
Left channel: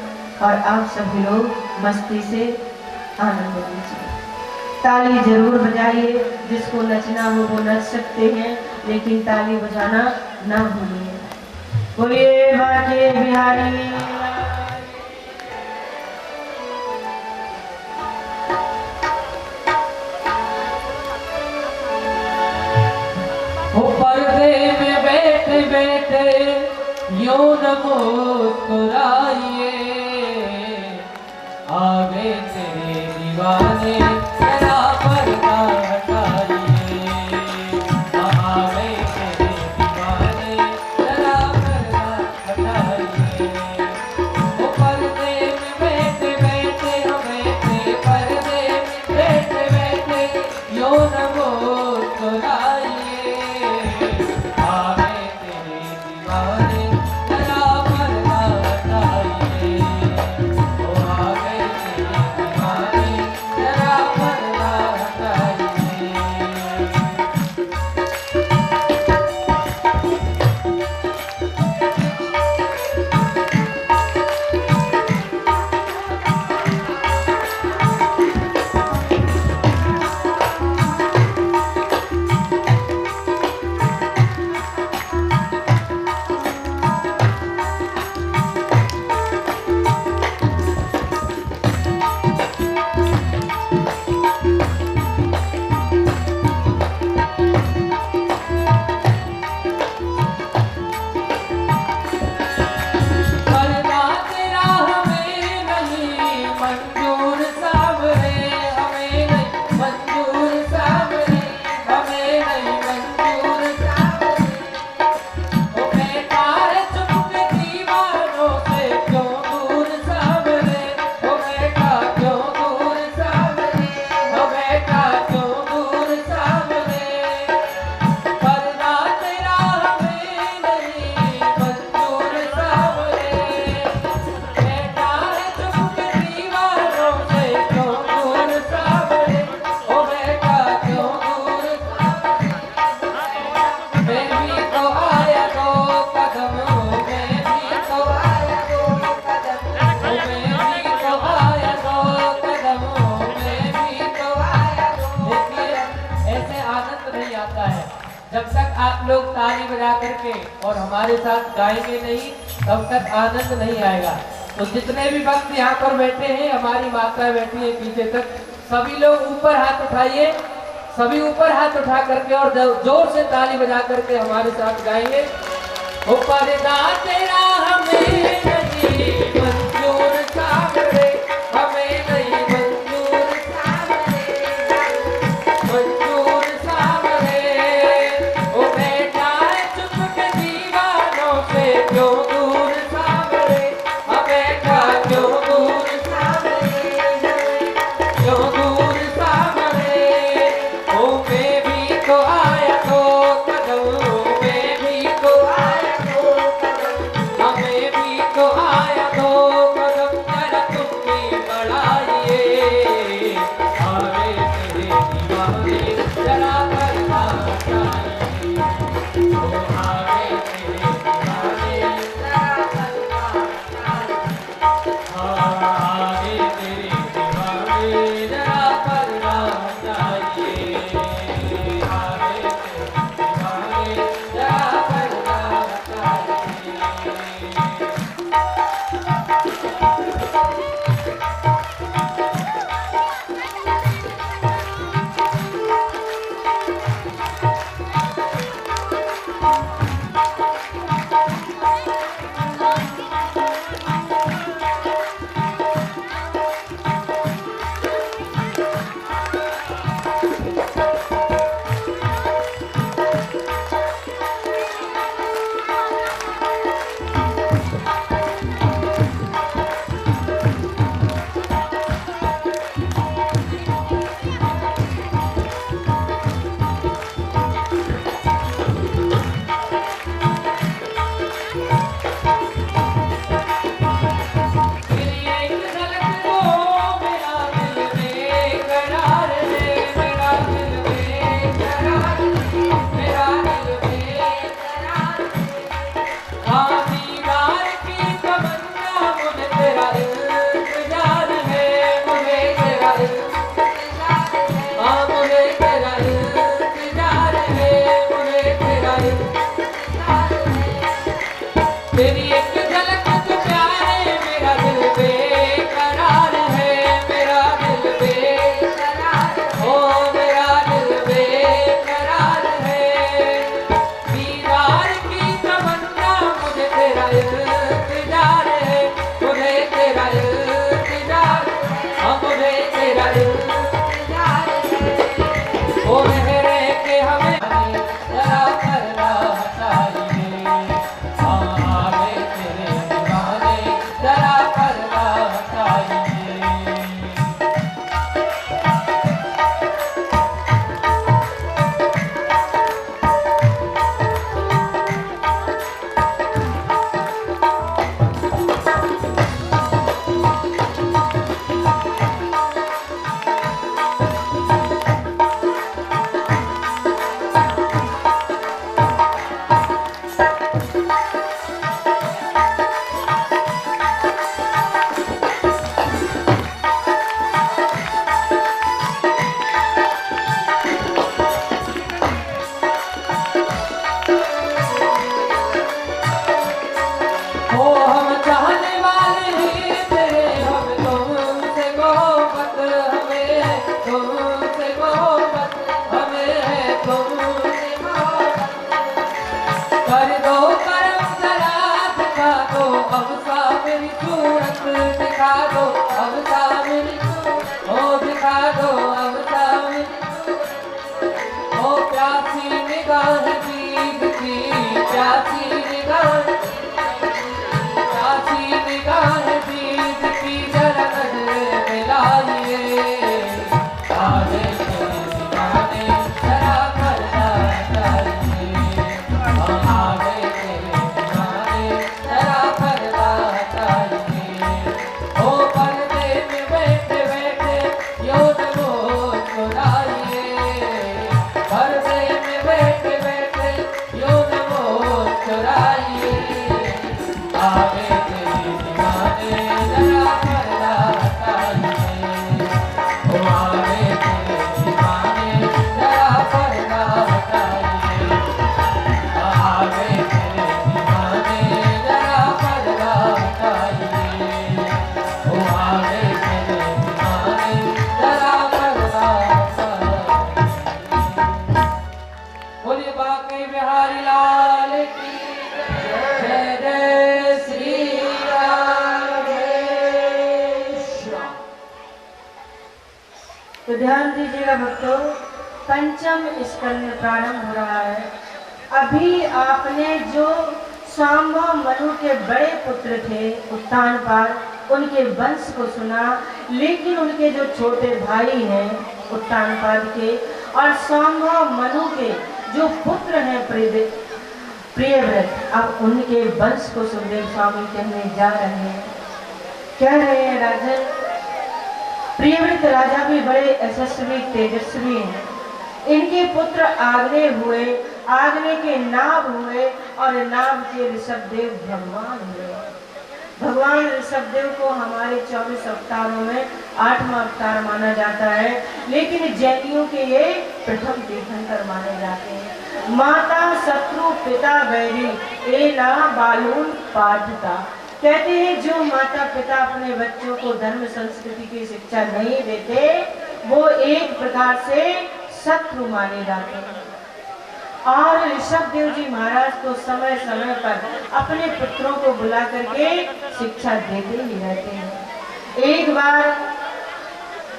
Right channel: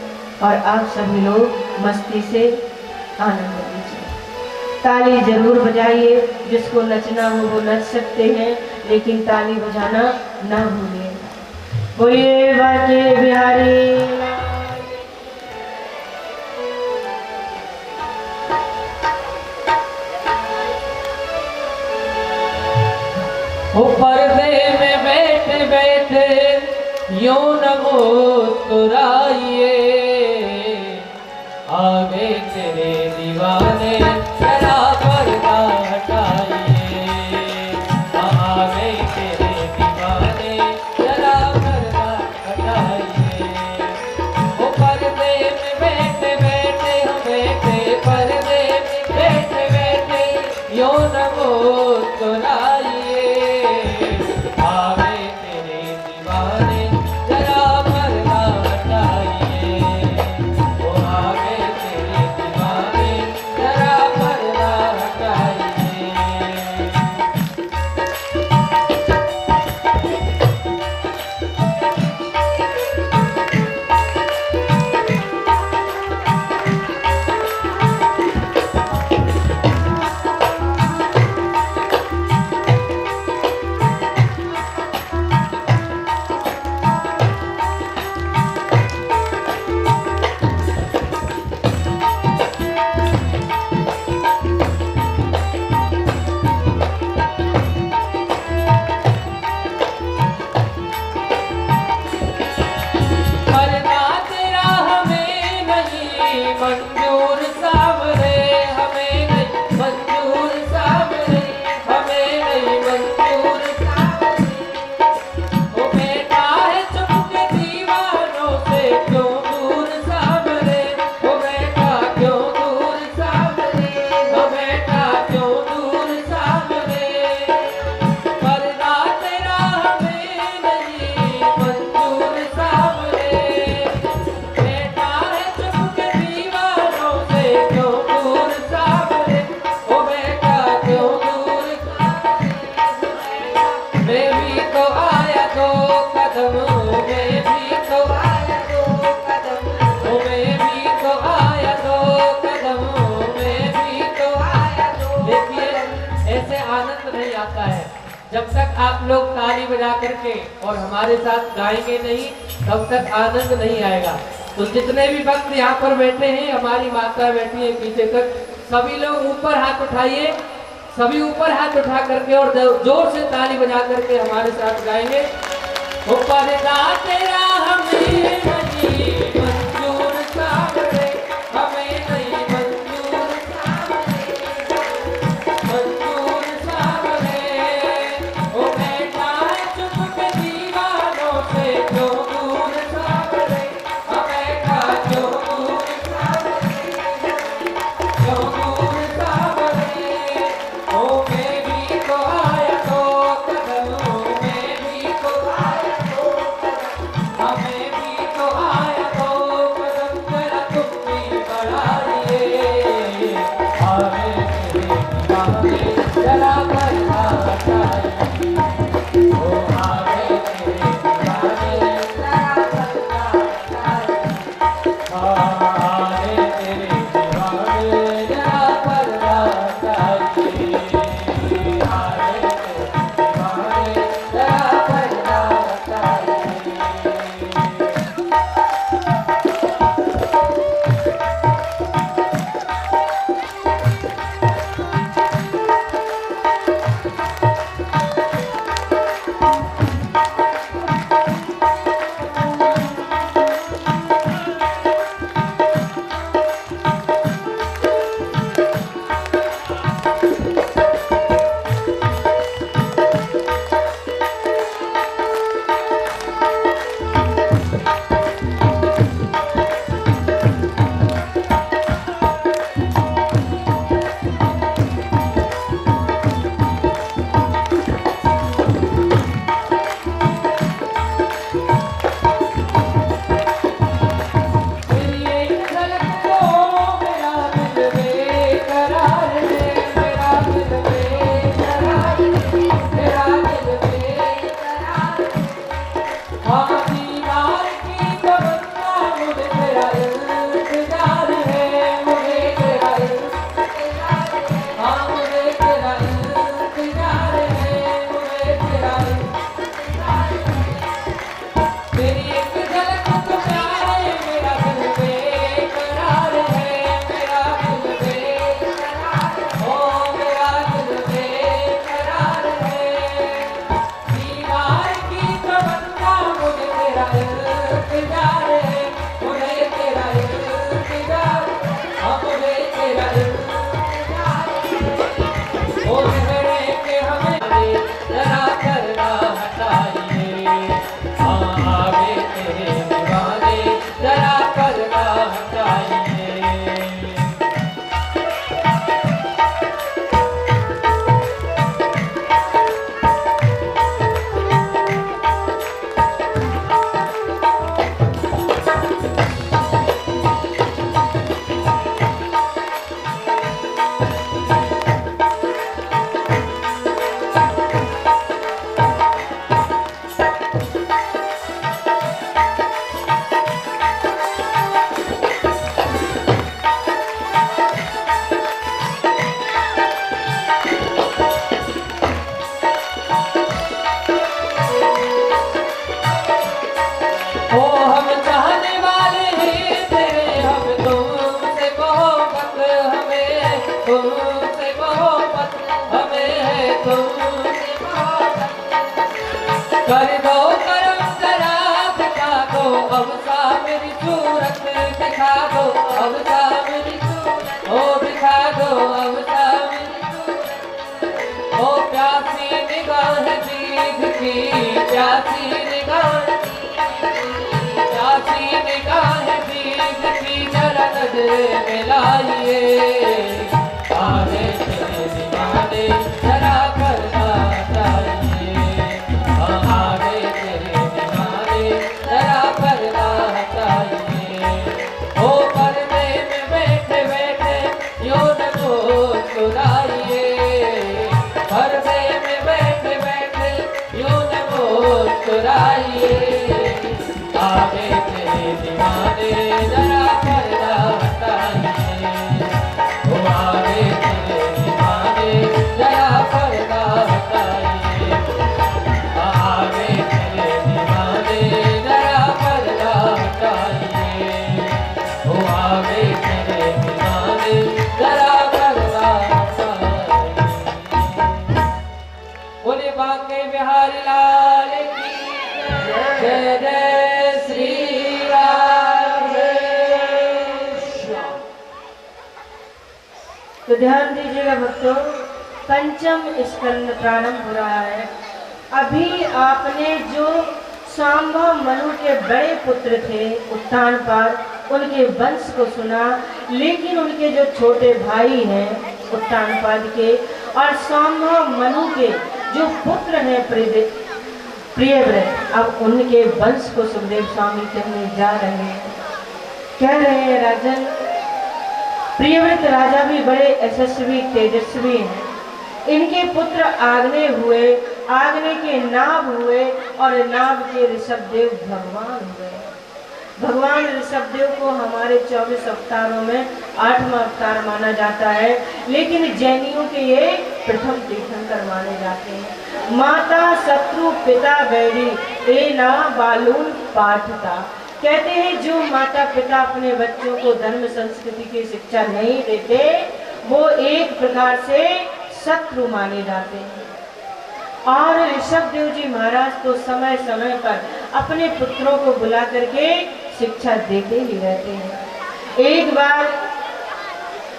और आप सभी लोग मस्ती से आनंद लीजिए। ताली जरूर बजाइए, जिसको नचना हो वो नच सकते हैं, लेकिन ताली बजाना ना भूलिए। बोलिए बाके बिहारी। पर्दे में बैठे बैठे यो न मुस्कुराइए, आगे तेरे दीवाने तेरा पर्दा हटाइए, आगे तेरे दीवाने तेरा पर्दा हटाइए। वो पर्दे में बैठे बैठे हम बैठे, पर्दे में बैठे बैठे यो न मुस्कुराइए, जरा जब तक आप लोग ताली बजा करके और हमारे साथ गाएंगे नहीं, तब तक आनंद नहीं आएगा। तो जितने भी भक्त यहाँ पर बैठे हैं, हमारी माता बैठी है पीछे तक, सभी लोग ऊपर हाथ उठाइए, सभी ऊपर हाथ उठा करके और जोर से ताली बजा करके हमारे साथ गाएंगे। ऊपर तेरा हमें नहीं मंजूर सावरे, हमें नहीं मंजूर सावरे, मंजूर सावरे। ओ बेटा चुप के दीवानों से क्यों दूर सावरे, हमें का क्यों दूर सावरे, क्यों दूर सावरे। ओ मैं भी तो आया तो कदम, मैं भी तो आया तो कदम, हमें भी तो आया तो कदम, जरा तुम भी बढ़ाइए। आगे तेरे दीवाने जरा करना चाहिए, ओ आगे तेरे दीवाने जरा करना चाहिए, आगे तेरे दीवाने जरा करना चाहिए, आगे तेरे दीवाने जरा करना चाहिए। तेरी एक झलक को मेरा दिल बेकरार है, मेरा दिल बेकरार है, मेरा दिल बेकरार है। हाँ दीवार की तमन्ना मुझे तेरा इंतजार है, मुझे तेरा इंतजार है, हाँ मुझे तेरा इंतजार है, मुझे तेरा इंतजार है। तेरी एक झलक तो प्यारे मेरा दिल बेकरार है, मेरा दिल बेकरार है, ओ मेरा दिल बेकरार है। दीवार की तमन्ना मुझे तेरा इंतजार है, मुझे तेरा इंतजार है, हाँ मुझे तेरा इंतजार है। ओ रहने के हमें जरा करना हटाइए, आगे तेरे दीवाने जरा करना हटाइए। ओ हम चाहने वाले हैं तेरे, हम तुमसे मोहब्बत, हमें है तुमसे मोहब्बत, हमें है तुमसे मोहब्बत। कर दो करम जरा दिखा दो, अब सा मेरी सूरत दिखा दो, अब सा मेरी सूरत, ओ दिखा दो अब सा मेरी सूरत। ओ प्यासी निगाह भीग की, प्यासी निगाह, प्यासी निगाह भीग की, जरा नजर मिलाइए। तो ध्यान दीजिएगा भक्तों, पंचम स्कंद प्रारंभ हो रहा है। अभी आपने जो सांबा मनु के बड़े पुत्र थे उत्तानपाद, उनके वंश को सुना, लेकिन उनके जो छोटे भाई हैं उत्तानपाद के और सांबा मनु के जो पुत्र हैं प्रियव्रत, अब उनके वंश को सुखदेव स्वामी कहने जा रहे हैं। कह रहे हैं राजन, प्रियव्रत राजा भी बड़े यशस्वी तेजस्वी हैं। इनके पुत्र आग्नेय हुए, आग्नेय के नाभ हुए और नाभ के ऋषभदेव भगवान हुए। भगवान ऋषभदेव को हमारे 24 अवतारों में 8वां अवतार माना जाता है, लेकिन जैनियों के ये प्रथम तीर्थंकर माने जाते हैं। माता शत्रु पिता बैरी ए ना बालून पाठता, कहते हैं जो माता पिता अपने बच्चों को धर्म संस्कृति की शिक्षा नहीं देते वो एक प्रकार से शत्रु माने जाते हैं। और ऋषभदेव जी महाराज तो समय समय पर अपने पुत्रों को बुला करके शिक्षा देते ही रहते हैं। एक बार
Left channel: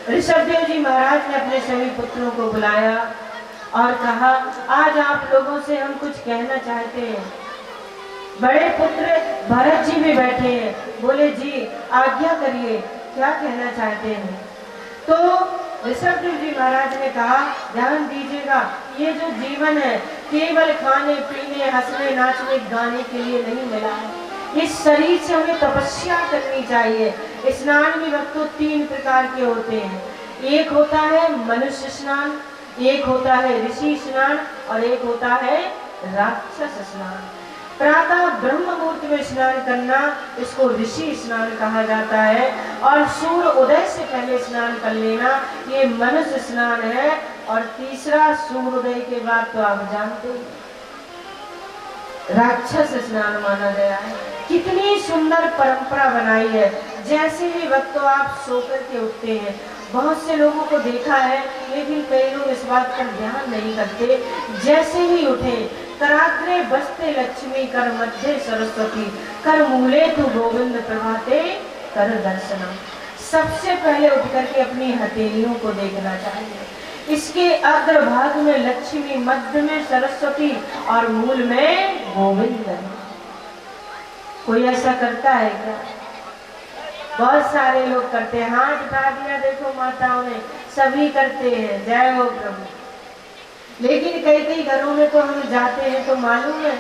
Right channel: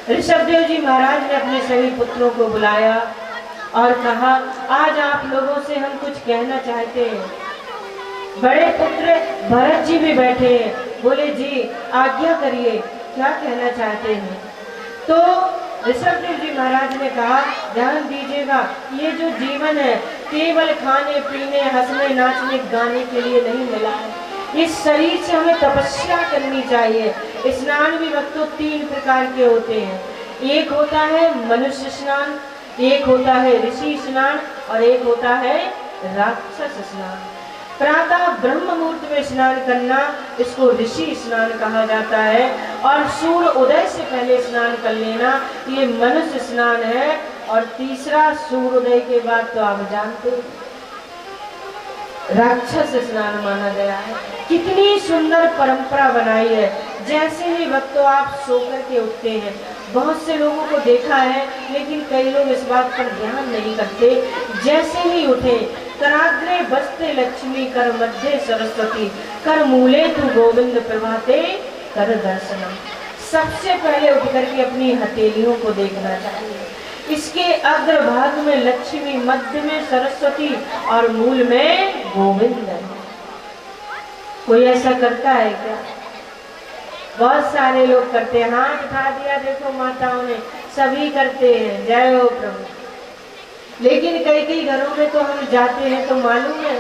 ऋषभदेव जी महाराज ने अपने सभी पुत्रों को बुलाया और कहा, आज आप लोगों से हम कुछ कहना चाहते हैं। बड़े पुत्र भरत जी भी बैठे हैं, बोले जी आज्ञा करिए, क्या कहना चाहते हैं। तो ऋषभदेव जी महाराज ने कहा, ध्यान दीजिएगा, ये जो जीवन है केवल खाने पीने हंसने नाचने गाने के लिए नहीं मिला है। इस शरीर से हमें तपस्या करनी चाहिए। स्नान भी भक्तों 3 प्रकार के होते हैं। एक होता है मनुष्य स्नान, एक होता है ऋषि स्नान और एक होता है राक्षस स्नान। प्रातः ब्रह्म मुहूर्त में स्नान करना, इसको ऋषि स्नान कहा जाता है, और सूर्य उदय से पहले स्नान कर लेना, ये मनुष्य स्नान है। और तीसरा सूर्योदय के बाद तो आप जानते हैं राक्षस स्नान माना गया है। कितनी सुंदर परंपरा बनाई है। जैसे ही भक्तों आप सोकर के उठते हैं, बहुत से लोगों को देखा है लेकिन कई लोग इस बात पर ध्यान नहीं करते, जैसे ही उठे कराग्रे बसते लक्ष्मी कर मध्य सरस्वती कर मूले तू गोविंद प्रभाते कर दर्शनम। सबसे पहले उठ करके अपनी हथेलियों को देखना चाहिए। इसके अग्रभाग में लक्ष्मी, मध्य में सरस्वती और मूल में गोविंद है। कोई ऐसा करता है क्या? बहुत सारे लोग करते हैं। हाथ उठा दिया, देखो माताओं ने, सभी करते हैं, जय हो प्रभु। लेकिन कई कई घरों में तो हम जाते हैं तो मालूम है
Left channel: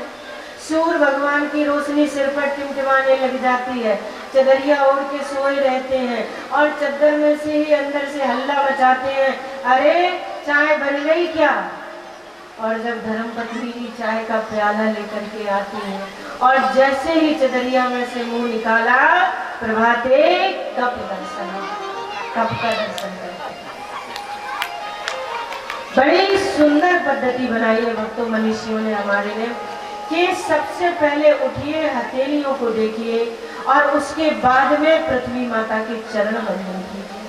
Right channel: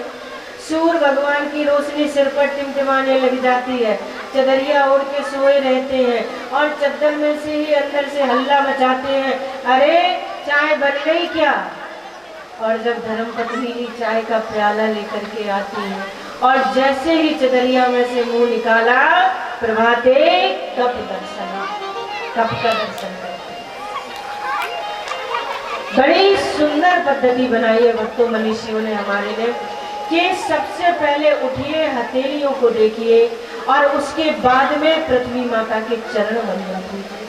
सूर्य भगवान की रोशनी सिर पर टिमटिमाने लग जाती है, चदरिया ओढ़ के सोए रहते हैं और चद्दर में से ही अंदर से हल्ला मचाते हैं, अरे चाय बन गई क्या? और जब धर्मपत्नी चाय का प्याला लेकर के आती है और जैसे ही चदरिया में से मुंह निकाला, प्रभाते कप दर्शन, कप का दर्शन करते। बड़ी सुंदर पद्धति बनाई है भक्तों मनीषियों ने हमारे ने, कि सबसे पहले उठिए, हथेलियों को देखिए और उसके बाद में पृथ्वी माता के चरण वंदन कीजिए।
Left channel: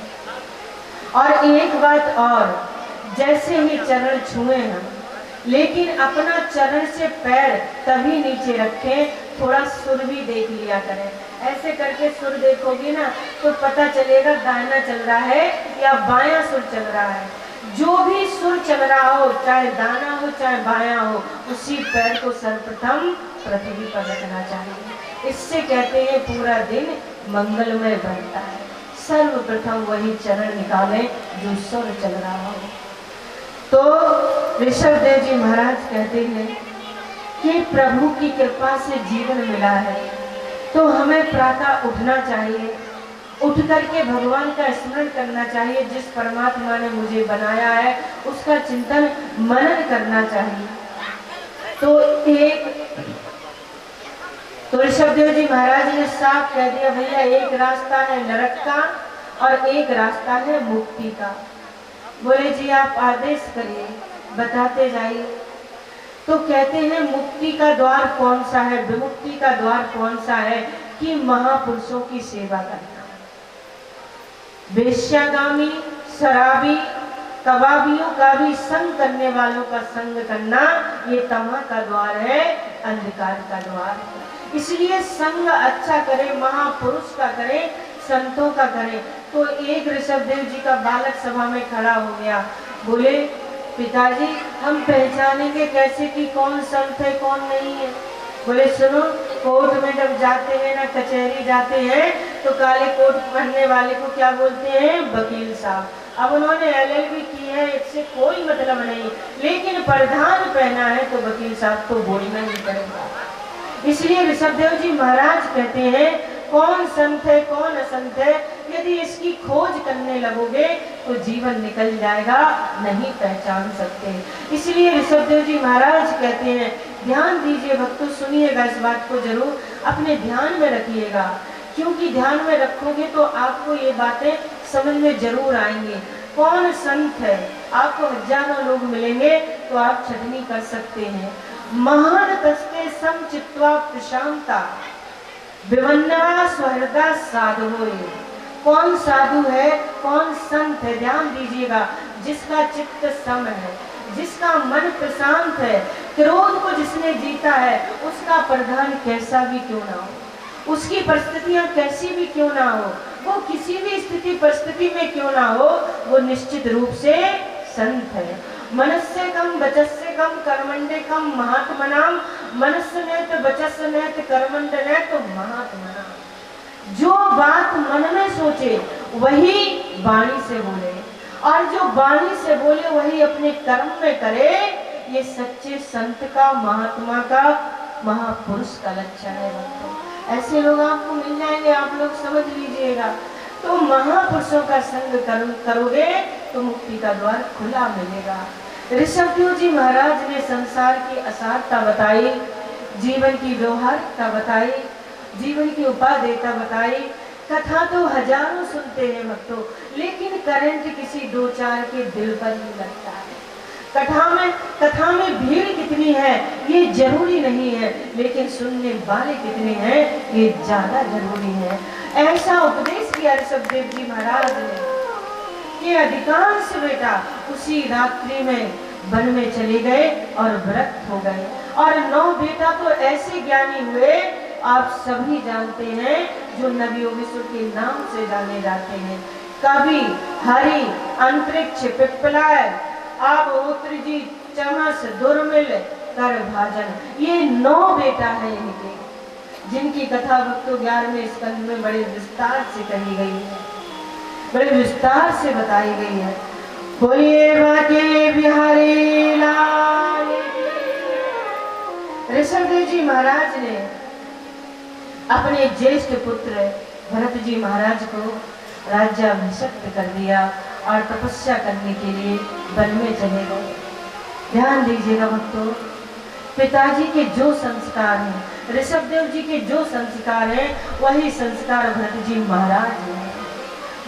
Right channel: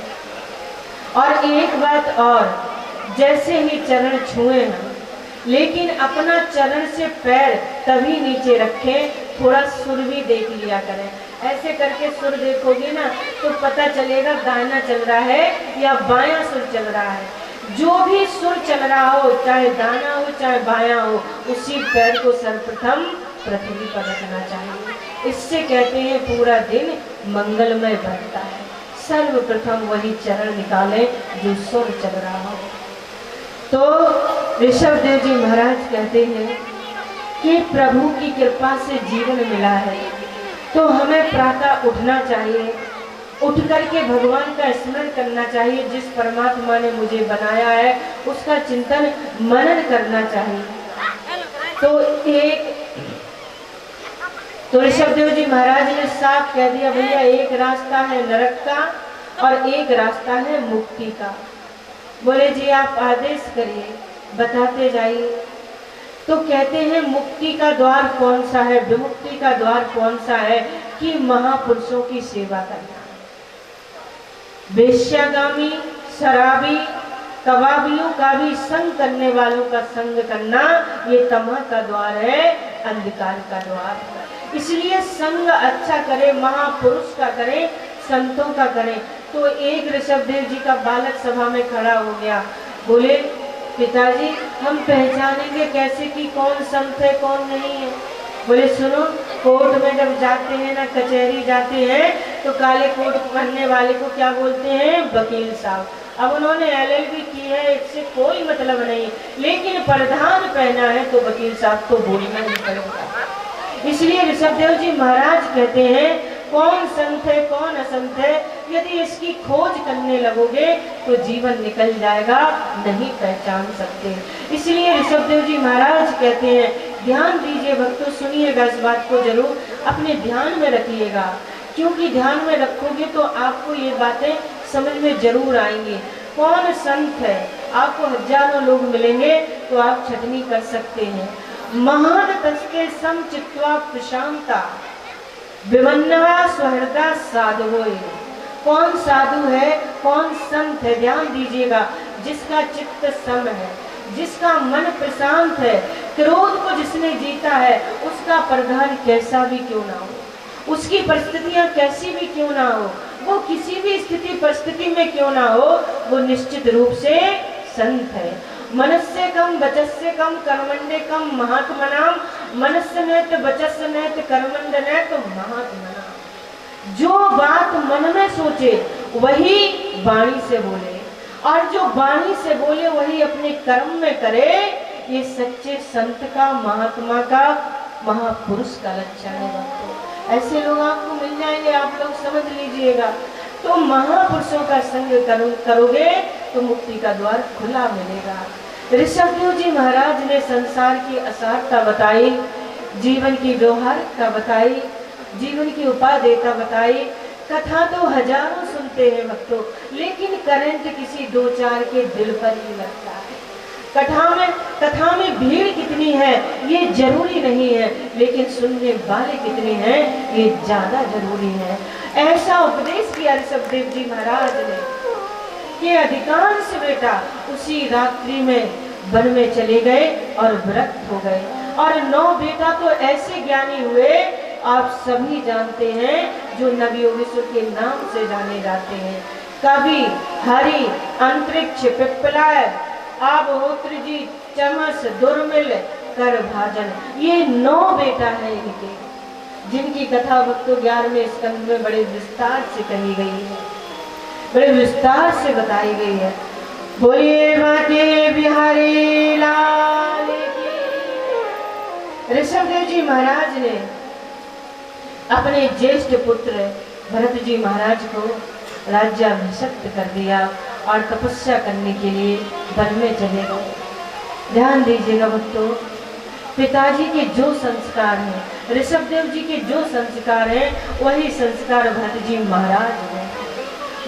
और एक बात और, जैसे ही चरण छुए हैं लेकिन अपना चरण से पैर तभी नीचे रखें, थोड़ा सुर भी देख लिया करें। ऐसे करके सुर देखोगे ना तो पता चलेगा दाहिना चल रहा है या बायां सुर चल रहा है। जो भी सुर चल रहा हो, चाहे दाना हो चाहे बायां हो, उसी पैर को सर्वप्रथम पृथ्वी पर रखना चाहिए। इससे कहते हैं पूरा दिन मंगलमय बनता है। सर्वप्रथम वही चरण निकाले जो सुर चल रहा हो। तो ऋषभदेव जी महाराज कहते हैं कि प्रभु की कृपा से जीवन मिला है तो हमें प्रातः उठना चाहिए, उठ करके भगवान का स्मरण करना चाहिए। जिस परमात्मा ने मुझे बनाया है उसका चिंतन मनन करना चाहिए। तो ऋषभदेव जी महाराज ने साफ कह दिया, भैया एक रास्ता है नरक का और एक रास्ता है मुक्ति का। बोले जी आप आदेश करिए, बताते जाइए। तो कहते हैं मुक्ति का द्वार कौन सा है, विमुक्ति का द्वार कौन सा है? कि महापुरुषों की सेवा करना। वेश्यागामी, शराबी, कबाबियों का भी संग करने वालों का संग करना, ये तमह का द्वार है, अंधकार का द्वार है। इसलिए संग अच्छा करें, महापुरुष का करें, संतों का करें, तो एक ऋषभदेव जी का बालक सभा में खड़ा हो गया, बोले पिताजी हम पहचानेंगे कैसे कि कौन संत है कौन नहीं है। बोले सुनो, कोर्ट में जब जाते हैं ना, कचहरी जाते हैं, तो काले कोट पहनने वाले को क्या बोलते हैं? वकील साहब। अब उन्होंने LLB की है, इससे कोई मतलब नहीं, लेकिन प्रधान पहना है तो वकील साहब तो बोलना ही पड़ेगा। इसलिए ऋषभदेव जी महाराज कहते हैं कौन संत है कौन असंत है, यदि इसकी खोज करने लगोगे तो जीवन निकल जाएगा, नहीं पहचान सकते। इसलिए ऋषभदेव जी महाराज कहते हैं ध्यान दीजिए भक्तों, सुनिएगा, इस बात को जरूर अपने ध्यान में रखिएगा, क्योंकि ध्यान में रखोगे तो आपको ये बातें समझ में जरूर आएंगी। कौन संत है, आपको हजारों लोग मिलेंगे तो आप छटनी कर सकते हैं। महान तस्के समचित्वा प्रशांता विवन्नवा स्वहृदा साधु। कौन साधु है कौन संत है, ध्यान दीजिएगा, जिसका चित्त सम है, जिसका मन प्रशांत है, क्रोध को जिसने जीता है, उसका प्रधान कैसा भी क्यों ना हो, उसकी परिस्थितियां कैसी भी क्यों ना हो, वो किसी भी स्थिति परिस्थिति में क्यों ना हो, वो निश्चित रूप से संत है। मनस्य कम वचस्य कम कर्मण्डे कम महात्मनाम, मनस्य नैत वचस्य नैत कर्मण्ड नैत महात्मनाम। जो बात मन में सोचे वही वाणी से बोले, और जो वाणी से बोले वही अपने कर्म में करे, ये सच्चे संत का, महात्मा का, महापुरुष का लक्षण है भक्तों। ऐसे लोग आपको मिल जाएंगे, आप लोग समझ लीजिएगा। तो महापुरुषों का संग करोगे तो मुक्ति का द्वार खुला मिलेगा। ऋषभदेव जी महाराज ने संसार की असारता बताई, जीवन की व्यवहारिकता बताई, जीवन की उपादेयता बताई। कथा तो हजारों सुनते हैं भक्तों, लेकिन करंट किसी दो चार के दिल पर ही लगता है। कथा में भीड़ कितनी है ये जरूरी नहीं है, लेकिन सुनने वाले कितने हैं ये ज्यादा जरूरी है। ऐसा उपदेश किया ऋषभदेव जी महाराज ने कि अधिकांश बेटा उसी रात्रि में वन में चले गए और व्रत हो गए, और 9 बेटा तो ऐसे ज्ञानी हुए आप सभी जानते हैं, जो नबी योगेश्वर के नाम से जाने जाते हैं। कवि, हरि, अंतरिक्ष, पिप्पलाय, आबहोत्र जी, चमस, दुर्मिल, कर भाजन, ये 9 बेटा है इनके, जिनकी कथा भक्तों 11वें स्कंद में बड़े विस्तार से कही गई है, बड़े विस्तार से बताई गई है। बोलिए बाके बिहारी लाल की। ऋषभदेव जी महाराज ने अपने ज्येष्ठ पुत्र भरत जी महाराज को राज्याभिषिक्त कर दिया और तपस्या करने के लिए वन में चले गए। ध्यान दीजिएगा भक्तों, पिताजी के जो संस्कार हैं, ऋषभदेव जी के जो संस्कार हैं, वही संस्कार भरत जी महाराज ने।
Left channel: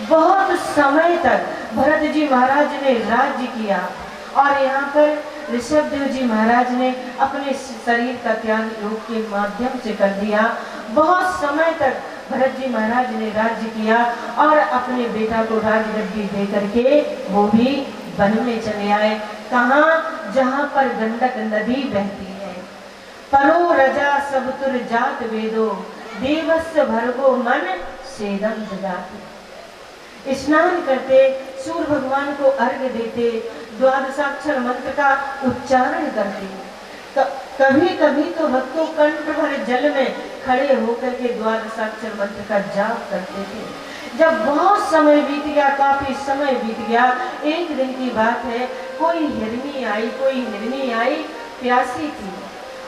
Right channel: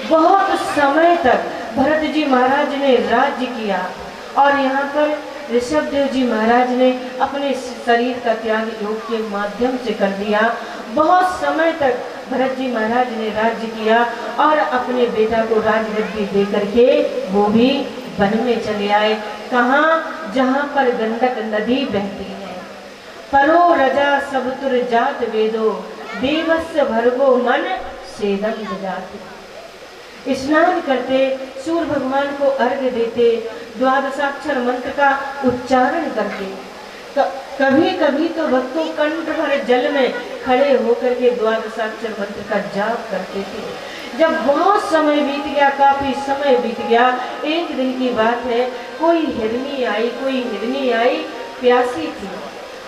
बहुत समय तक भरत जी महाराज ने राज्य किया, और यहाँ पर ऋषभदेव जी महाराज ने अपने शरीर का त्याग योग के माध्यम से कर दिया। बहुत समय तक भरत जी महाराज ने राज्य किया, और अपने बेटा को राजगद्दी दे करके वो भी वन में चले आए। कहाँ? जहाँ पर गंडक नदी बहती है। परो रजा सबतुर जात वेदो, देवस्य भर्गो मन सेदम जात। स्नान करते, सूर्य भगवान को अर्घ्य देते, द्वादशाक्षर मंत्र का उच्चारण करते। कभी कभी तो भक्तों कंठ भर जल में खड़े होकर के द्वादशाक्षर मंत्र का जाप करते थे। जब बहुत समय बीत गया, काफी समय बीत गया, एक दिन की बात है, कोई हिरनी आई, प्यासी थी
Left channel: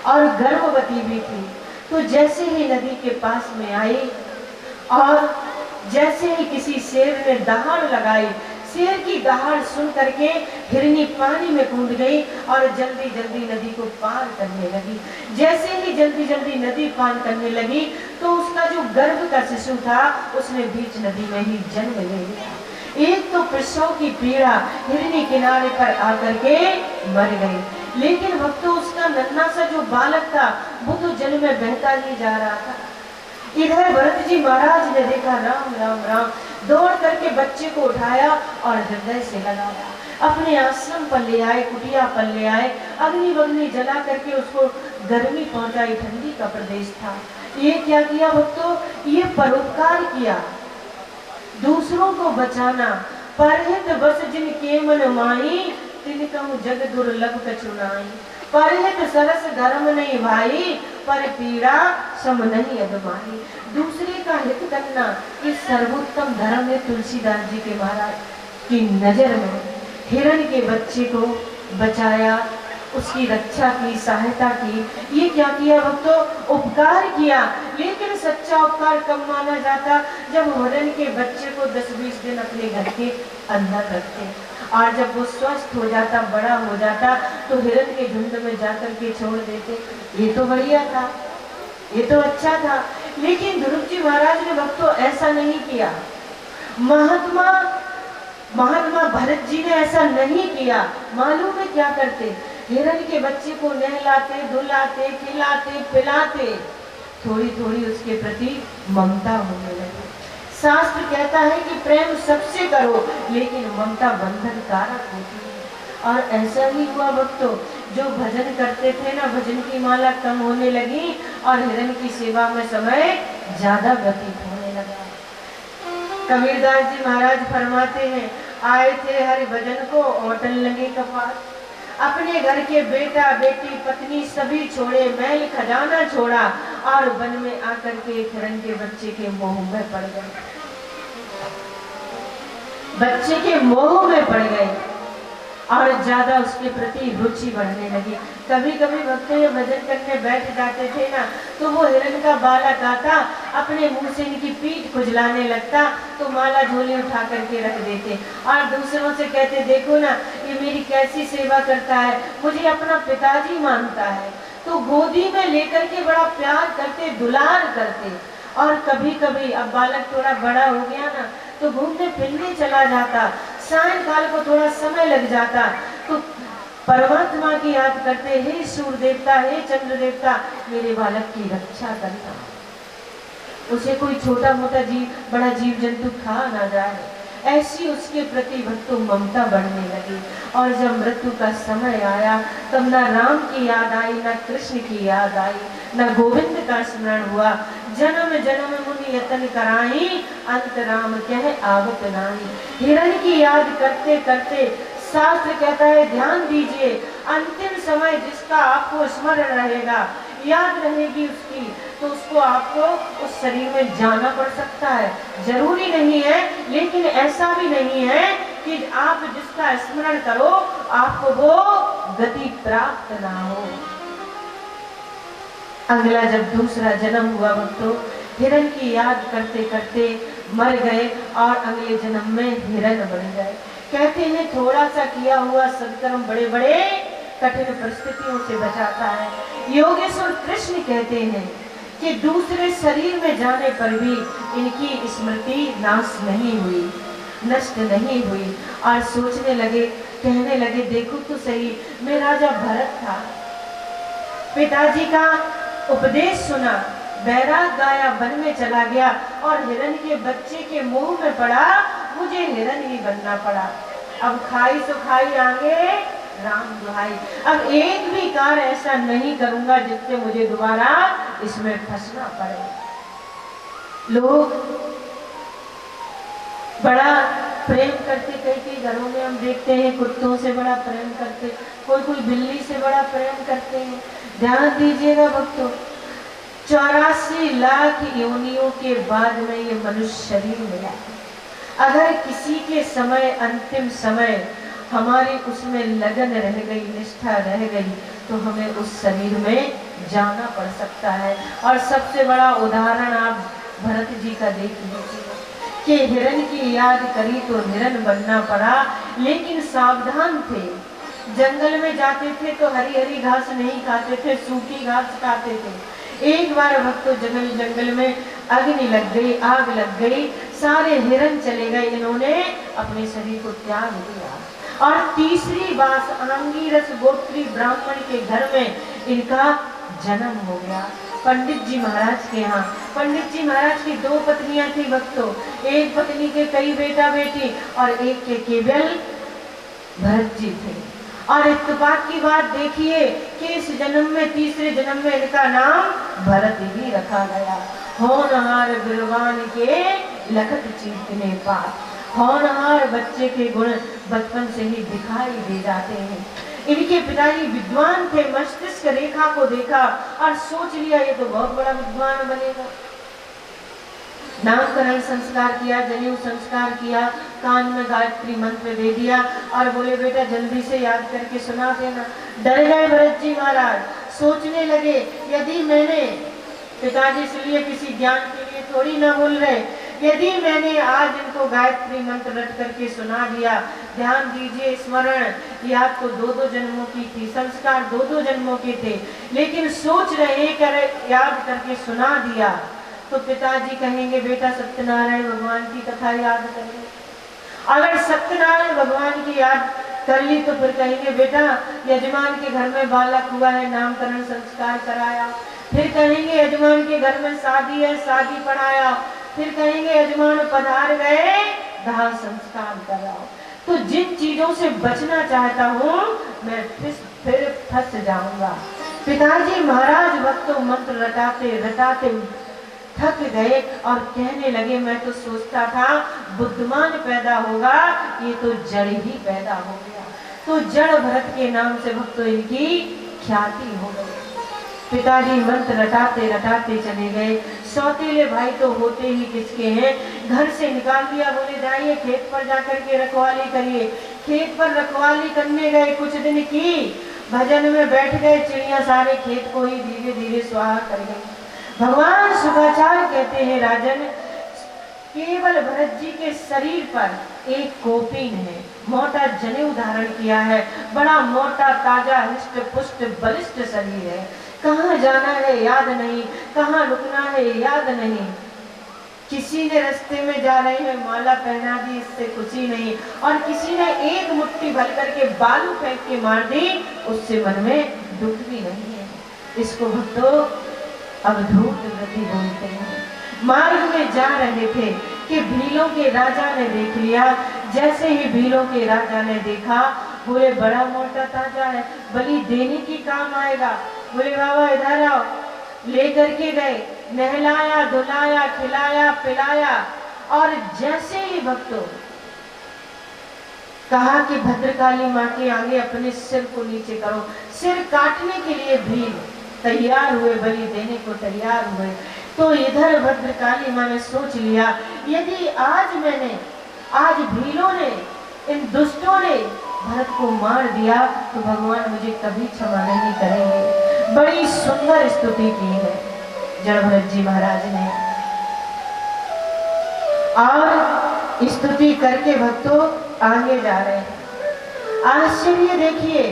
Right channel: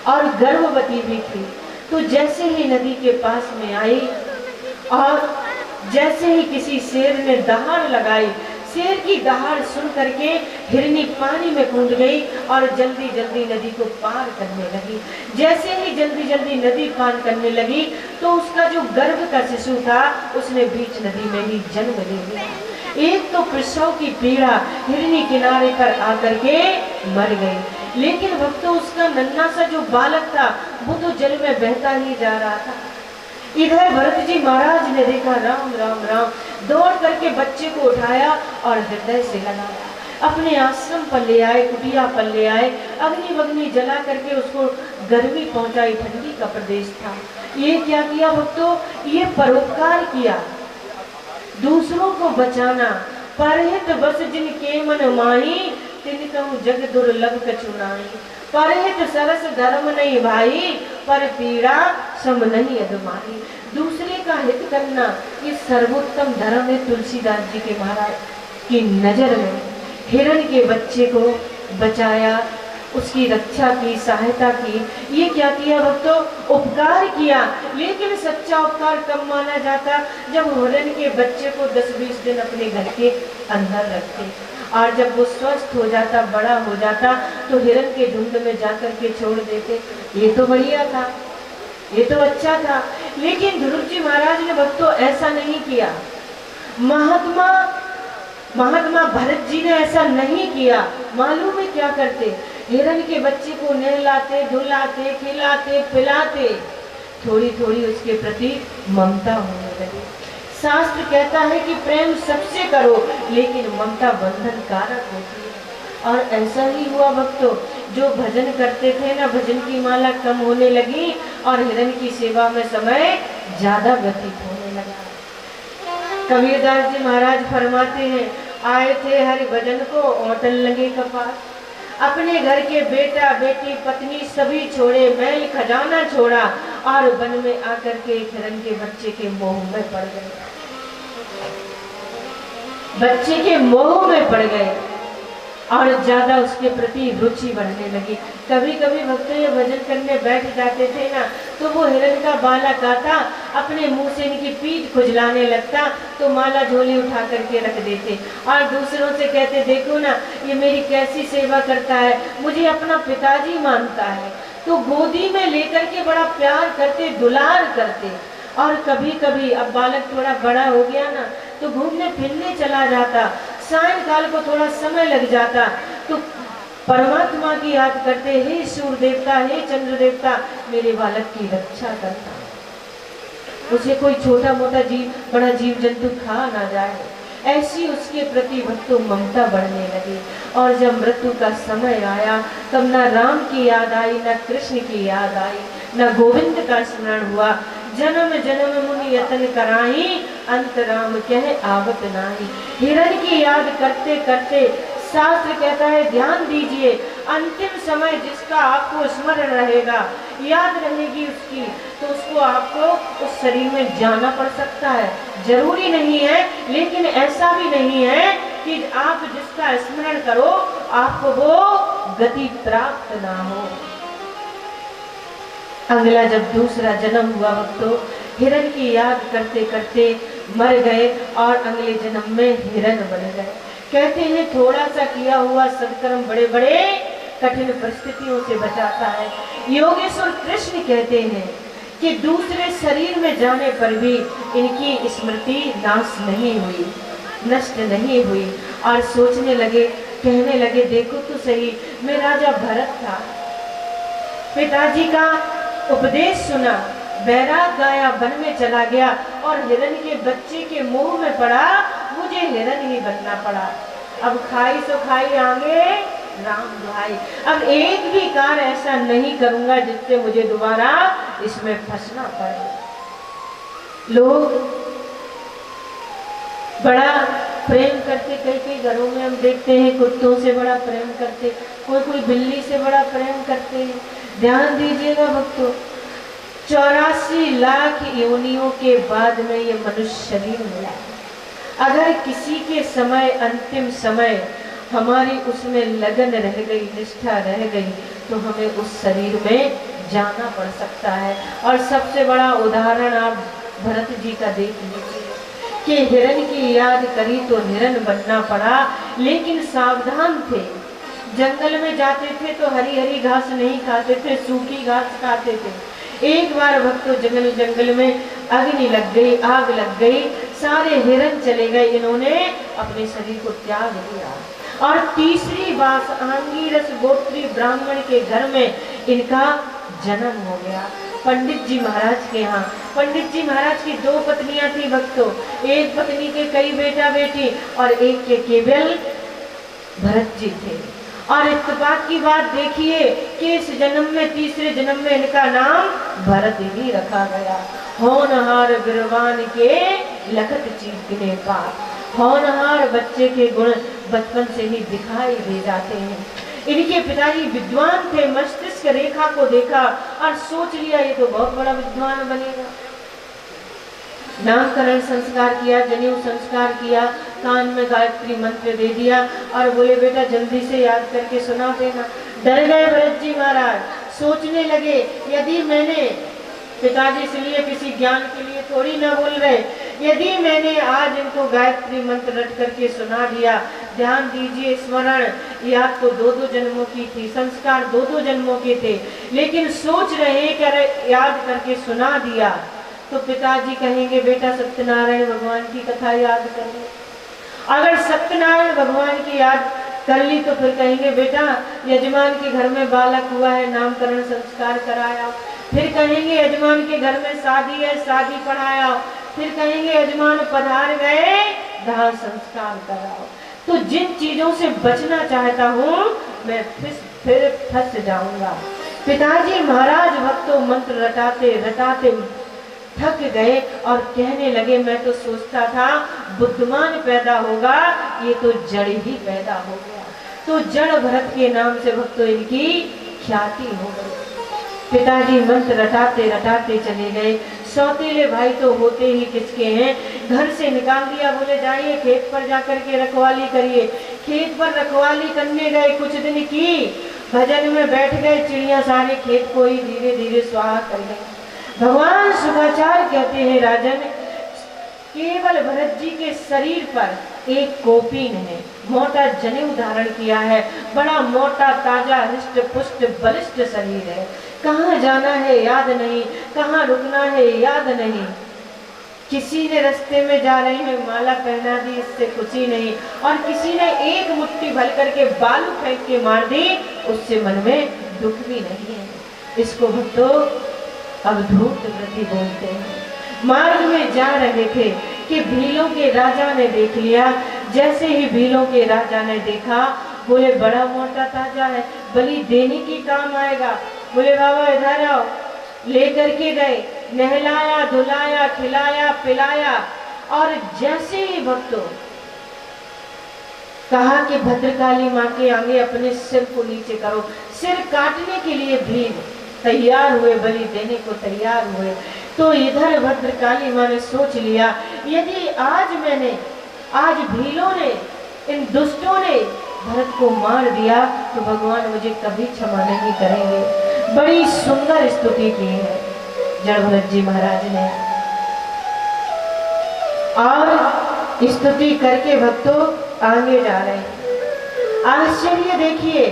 और गर्भवती भी थी। तो जैसे ही नदी के पास में आई और जैसे ही किसी शेर ने दहाड़ लगाई, शेर की दहाड़ सुन करके हिरनी पानी में कूद गई और जल्दी जल्दी नदी को पार करने लगी। जैसे ही जल्दी जल्दी नदी पार करने लगी तो उसका जो गर्भ का शिशु था उसने बीच नदी में ही जन्म ले लिया। एक तो प्रसव की पीड़ा, हिरनी किनारे पर आकर के मर गई, लेकिन भक्तों उसका नन्हा सा जो बालक था वो तो जल में बहता ही जा रहा था। इधर भरत जी महाराज ने देखा, राम राम राम, दौड़ करके बच्चे को उठाया और हृदय से लगाया, अपने आश्रम पर ले आए, कुटिया पर ले आए, अग्नि वग्नि जला करके उसको गर्मी पहुंचाई। ठंडी का प्रदेश था। ये क्या किया भक्तों? ये परोपकार किया। दूसरों को बचाना। परहित बस जिनके मन माही, तिनकहु जग दुर्लभ कछु नाई। परहित सरस धर्म नहीं भाई, पर पीड़ा सम नहीं अदमाई। दूसरे का हित करना ये सर्वोत्तम धर्म है। तुलसीदास जी के महाराज की नजर में हिरण के बच्चे को बचाया, उसकी रक्षा की, सहायता की। ये क्या किया भक्तों? उपकार किया। लेकिन सच्चा उपकार कब माना जाता? जब हिरण के बच्चे को 10-20 दिन अपने घर के अंदर रखते, और जब वो स्वस्थ हो जाता, बड़ा हो जाता, तो हिरण के झुंड में जाकर के छोड़ देते। ये तो बढ़िया था, ये तो अच्छा था। लेकिन ध्रुव जी महाराज ने भक्तों ऐसा नहीं किया। महात्मा भरत जी ने ऐसा नहीं किया। मालूम है क्या करते? हिरण के बच्चे को नहलाते, धुलाते, खिलाते, पिलाते, थोड़ी थोड़ी उसके प्रति ममता होने लगी। शास्त्र कहता है कि प्रेम सबसे करो, लेकिन ममता बंधन कारक होती है। और ऐसा ही हुआ भक्तों, जो भजन करते थे ना, भजन की माला कम होने लगी और हिरण की सेवा में समय ज्यादा व्यतीत होने लगा। कबीरदास जी महाराज फरमाते हैं, आए थे हरि भजन को औटन लगे कपार। अपने घर के बेटा बेटी पत्नी सभी छोड़े, मैल खजाना छोड़ा, और वन में आकर के एक हिरण के बच्चे के मोह में पड़ गए। बच्चे के मोह में पड़ गए और ज्यादा उसके प्रति रुचि बढ़ने लगी। कभी कभी भक्त ये भजन करने बैठ जाते थे ना, तो वो हिरण का बालक आता, अपने मुंह से इनकी पीठ खुजलाने लगता, तो माला झोली उठा करके रख देते और दूसरों से कहते, देखो ना ये मेरी कैसी सेवा करता है, मुझे अपना पिताजी मानता है। तो गोदी में लेकर के बड़ा प्यार करते, दुलार करते। और कभी कभी अब बालक थोड़ा बड़ा हो गया ना, तो घूमने फिरने चला जाता, सायंकाल को थोड़ा समय लग जाता, तो परमात्मा की याद करते, हे सूर्य देवता, हे चंद्र देवता, मेरे बालक की रक्षा करता, उसे कोई छोटा मोटा जीव, बड़ा जीव जंतु खा ना जाए। ऐसी उसके प्रति भक्तों ममता बढ़ने लगी। और जब मृत्यु का समय आया, तब न राम की याद आई, न कृष्ण की याद आई, न गोविंद का स्मरण हुआ। जन्म जन्म मुनि यतन कराई, अंत राम कह आवत नाई। हिरण की याद करते करते शास्त्र कहता है, ध्यान दीजिए, अंतिम समय जिसका आपको स्मरण रहेगा, याद रहेगी उसकी, तो उसको आपको उस शरीर में जाना पड़ सकता है। जरूरी नहीं है, लेकिन ऐसा भी नहीं है कि आप जिसका स्मरण करो आपको वो गति प्राप्त ना हो। अगला जब दूसरा जन्म हुआ भक्तों, हिरण की याद करते करते मर गए और अगले जन्म में हिरण बन गए। कहते हैं थोड़ा सा किया हुआ सत्कर्म बड़े बड़े कठिन परिस्थितियों से बचाता है। योगेश्वर कृष्ण कहते हैं कि दूसरे शरीर में जाने पर भी इनकी स्मृति नाश नहीं हुई, नष्ट नहीं हुई। और सोचने लगे, कहने लगे, देखो तो सही, मैं राजा भरत था, पिताजी का उपदेश सुना, बैराग गाया, वन में चला गया और हिरण के बच्चे के मुंह में पड़ा, मुझे हिरण ही बनना पड़ा। अब खाई सो खाई आगे राम दुहाई। अब एक भी कार्य ऐसा नहीं करूंगा जिससे मुझे दोबारा इसमें फंसना पड़े। लोग बड़ा प्रेम करते, कई कई घरों में हम देखते हैं कुत्तों से बड़ा प्रेम करते, कोई कोई बिल्ली से बड़ा प्रेम करते हैं। ध्यान दीजिएगा भक्तों, 84 लाख योनियों के बाद में ये मनुष्य शरीर मिला। अगर किसी के समय, अंतिम समय हमारी उसमें लगन रह गई, निष्ठा रह गई, तो हमें उस शरीर में जाना पड़ सकता है। और सबसे बड़ा उदाहरण आप भरत जी का देख लीजिए कि हिरण की याद करी तो हिरण बनना पड़ा, लेकिन सावधान थे। जंगल में जाते थे तो हरी हरी घास नहीं खाते थे, सूखी घास खाते थे। एक बार भक्तों जंगल में अग्नि लग गई, आग लग गई, सारे हिरण चले गए, इन्होंने अपने शरीर को त्याग दिया। और तीसरी बार आंगीरस गोत्री ब्राह्मण के घर में इनका जन्म हो गया, पंडित जी महाराज के यहाँ। पंडित जी महाराज की 2 पत्नियां थी भक्तों, एक पत्नी के कई बेटा बेटी और एक के केवल भरत जी थे। और इत्तेफाक की बात देखिए कि इस जन्म में, तीसरे जन्म में इनका नाम भरत ही रखा गया। होनहार बिरवान के लखत चीतने पार। होनहार बच्चे के गुण बचपन से ही दिखाई दे जाते हैं। इनके पिताजी विद्वान थे, मस्तिष्क रेखा को देखा और सोच लिया ये तो बहुत बड़ा विद्वान बनेगा। नामकरण संस्कार किया, जनेऊ संस्कार किया, कान में गायत्री मंत्र दे दिया और बोले बेटा जल्दी से याद करके सुना देना। डर गए भरत जी महाराज, सोचने लगे यदि मैंने, पिताजी इसलिए किसी ज्ञान के लिए थोड़ी ना बोल रहे, यदि मैंने आज इनको गायत्री मंत्र रट करके सुना दिया, ध्यान दीजिए स्मरण याद तो 2-2 जन्मों की थी, संस्कार 2-2 जन्मों के थे, लेकिन सोच रहे कर याद करके सुना दिया तो पिताजी कहेंगे बेटा सत्यनारायण भगवान की कथा याद कर ली। अगर सत्यनारायण भगवान की याद कर ली तो फिर कहेंगे बेटा यजमान के घर में बालक हुआ है, नामकरण संस्कार कराया। फिर कहेंगे यजमान के घर में शादी है, शादी पढ़ाया। फिर कहेंगे यजमान पधार गए, दाह संस्कार कराओ। तो जिन चीजों से बचना चाहता हूँ मैं फिर फंस जाऊंगा। पिताजी महाराज भक्तों मंत्र रटाते रटाते थक गए और कहने लगे मैं तो सोचता था बुद्धिमान पैदा होगा, ये तो जड़ ही पैदा हो गया। तो जड़ भरत के नाम से भक्तों इनकी ख्याति हो गई। पिताजी मंत्र रटाते रटाते चले गए। सौतेले भाई तो होते ही किसके हैं, घर से निकाल दिया, बोले जाइए खेत पर जाकर के रखवाली करिए। खेत पर रखवाली करने गए, कुछ दिन की, भजन में बैठ गए, चिड़िया सारे खेत को ही धीरे धीरे स्वाहा कर गई। भगवान शुक्राचार्य कहते हैं राजन, केवल भरत जी के शरीर पर एक कोपीन है, मोटा जनेऊ धारण किया है, बड़ा मोटा ताजा हृष्ट पुष्ट बलिष्ठ शरीर है। कहाँ जाना है याद नहीं, कहाँ रुकना है याद नहीं। किसी ने रास्ते में जा रहे हैं माला पहना दी, इससे खुशी नहीं, और किसी ने एक मुट्ठी भर करके बालू फेंक के मार दी, उससे मन में दुख भी नहीं है। इसको भक्तों अवधूत व्रति बोलते हैं। मार्ग में जा रहे थे कि भीलों के राजा ने देख लिया। जैसे ही भीलों के राजा ने देखा, बोले बड़ा मोटा ताजा है, बलि देने की काम आएगा। बोले बाबा इधर आओ। लेकर के गए, नहलाया धुलाया खिलाया पिलाया, और जैसे ही भक्तों कहा कि भद्रकाली माँ के आगे अपने सिर को नीचे करो, सिर काटने के लिए भील तैयार हुए, बलि देने को तैयार हुए। तो इधर भद्रकाली माँ ने सोच लिया यदि आज भीलों ने, इन दुष्टों ने भरत को मार दिया तो भगवान मुझे कभी क्षमा नहीं करेंगे। बड़ी सुंदर स्तुति की है जड़ भरत जी महाराज ने, और स्तुति करके भक्तों आगे जा रहे हैं। आश्चर्य देखिए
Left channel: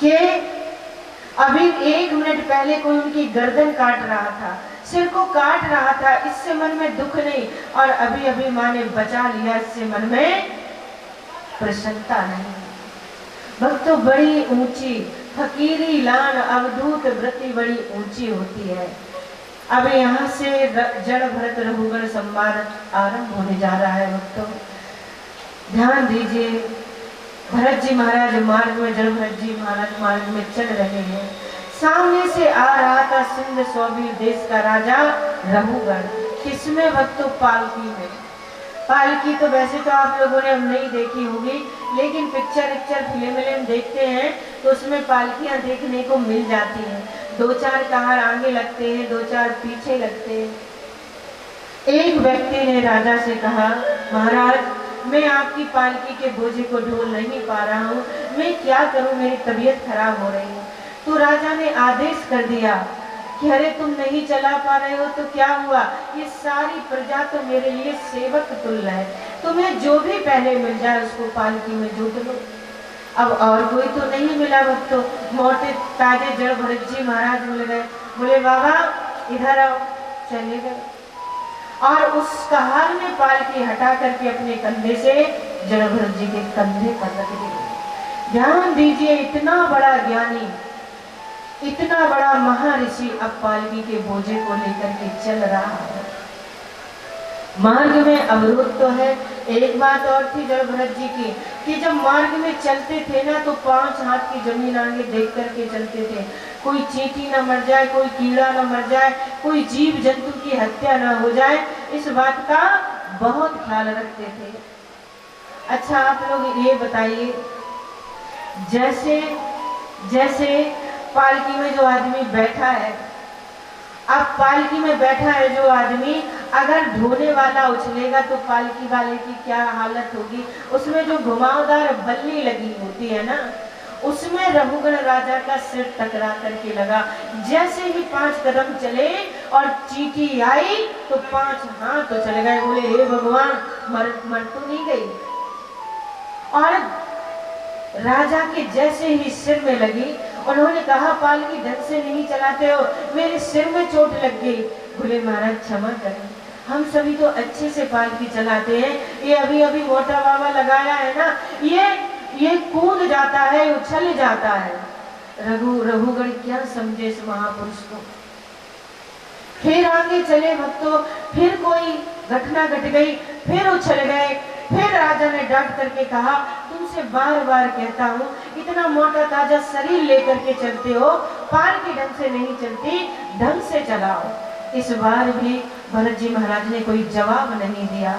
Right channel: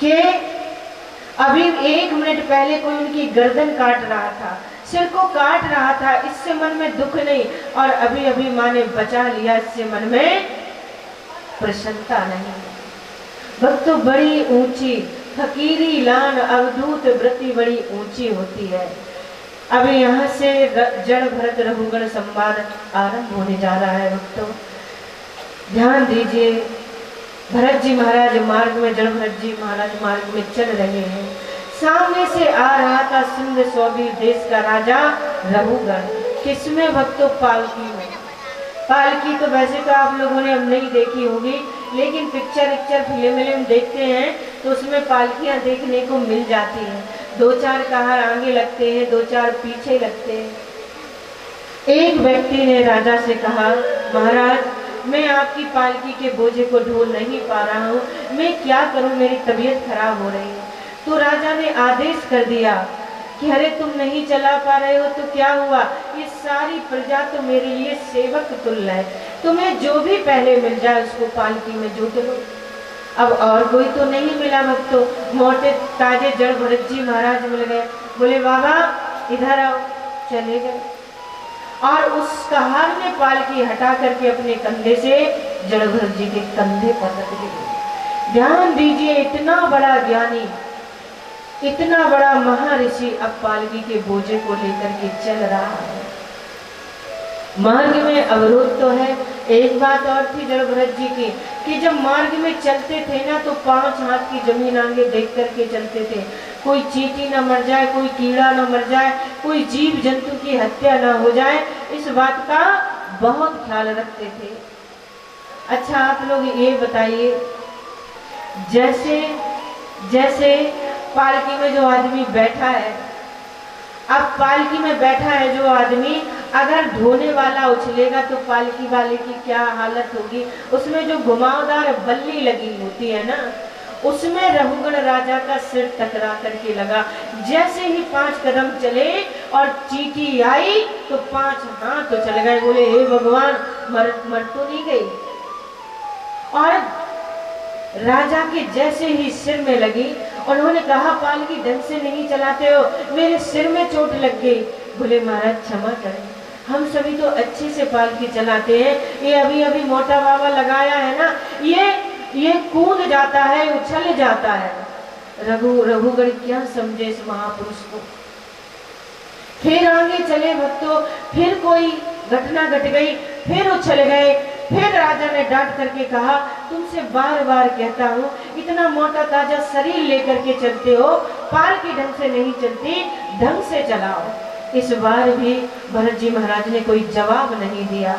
कि अभी 1 मिनट पहले कोई उनकी गर्दन काट रहा था, सिर को काट रहा था, इससे मन में दुख नहीं, और अभी अभी माँ ने बचा लिया, इससे मन में प्रसन्नता नहीं। भक्तों बड़ी ऊंची फकीरी लान अवधूत व्रति बड़ी ऊंची होती है। अब यहाँ से जड़ भरत रघुगण संवाद आरंभ होने जा रहा है। भक्तों ध्यान दीजिए, भरत जी महाराज मार्ग में, जड़ भरत जी महाराज मार्ग में चल रहे हैं। सामने से आ रहा था सिंध सौबीर देश का राजा रघुगण। किसमें भक्तों? पालकी में। पालकी तो वैसे तो आप लोगों ने अब नहीं देखी होगी, लेकिन पिक्चर फिल्म देखते हैं तो उसमें पालकियां देखने को मिल जाती हैं। 2-4 कहार आगे लगते हैं, 2-4 पीछे लगते हैं। एक व्यक्ति ने राजा से कहा, महाराज मैं आपकी पालकी के बोझे को ढोल नहीं पा रहा हूँ, मैं क्या करूँ, मेरी तबीयत खराब हो रही है। तो राजा ने आदेश कर दिया कि अरे तुम नहीं चला पा रहे हो तो क्या हुआ, ये सारी प्रजा तो मेरे लिए सेवक तुल्य है, तुम्हें जो भी पहले मिल जाए उसको पालकी में जोत लो। अब और कोई तो नहीं मिला भक्तों, मोटे ताजे जड़ भरत जी महाराज मिल गए। बोले बाबा इधर आओ, चले गए, और उस कहार ने पालकी हटा करके अपने कंधे से जड़ भरत जी के कंधे पर रख दी। ध्यान दीजिए, इतना बड़ा ज्ञानी, इतना बड़ा महर्षि अब पालकी के बोझे को लेकर के चल रहा है। मार्ग में अवरोध तो है। एक बात और थी जड़ भरत जी की कि जब मार्ग में चलते थे ना तो 5 हाथ की जमीन आगे देख करके चलते थे, कोई चींटी न मर जाए, कोई कीड़ा न मर जाए, कोई जीव जंतु की की हत्या न हो जाए, इस बात का बहुत ख्याल रखते थे। अच्छा आप लोग ये बताइए, जैसे जैसे पालकी में जो आदमी बैठा है, अब पालकी में बैठा है जो आदमी, अगर ढोने वाला उछलेगा तो पालकी वाले की क्या हालत होगी। उसमें जो घुमावदार बल्ली लगी होती है ना, उसमें रघुगण राजा का सिर टकरा करके लगा। जैसे ही 5 कदम चले और चींटी आई तो 5 हाथ तो चले गए। बोले हे भगवान, मर तो नहीं गई। और राजा के जैसे ही सिर में लगी, उन्होंने कहा पालकी ढंग से नहीं चलाते हो, मेरे सिर में चोट लग गई। बोले महाराज क्षमा करें, हम सभी तो अच्छे से पालकी चलाते हैं, ये अभी अभी मोटा बाबा लगाया है ना, ये कूद जाता है, उछल जाता है। रघुगण क्या समझे इस महापुरुष को। फिर आगे चले भक्तों, फिर कोई घटना घट गई, फिर उछल गए। फिर राजा ने डांट करके कहा, तुमसे बार बार कहता हूँ, इतना मोटा ताजा शरीर लेकर के चलते हो, पालकी ढंग से नहीं चलती, ढंग से चलाओ। इस बार भी भरत जी महाराज ने कोई जवाब नहीं दिया।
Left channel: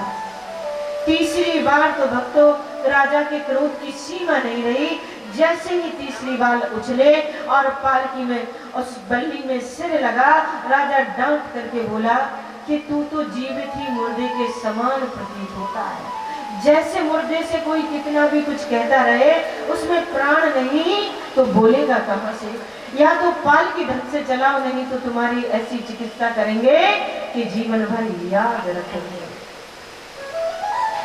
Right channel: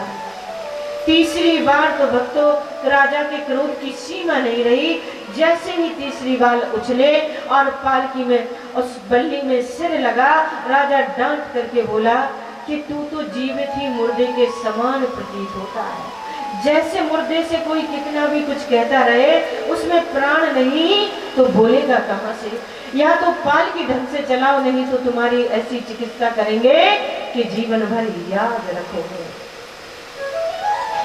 तीसरी बार तो भक्तों राजा के क्रोध की सीमा नहीं रही। जैसे ही तीसरी बार उछले और पालकी में उस बल्ली में सिर लगा, राजा डांट करके बोला कि तू तो जीवित ही मुर्दे के समान प्रतीत होता है। जैसे मुर्दे से कोई कितना भी कुछ कहता रहे, उसमें प्राण नहीं तो बोलेगा कहां से। या तो पालकी ढंग से चलाओ, नहीं तो तुम्हारी ऐसी चिकित्सा करेंगे कि जीवन भर याद रखेंगे।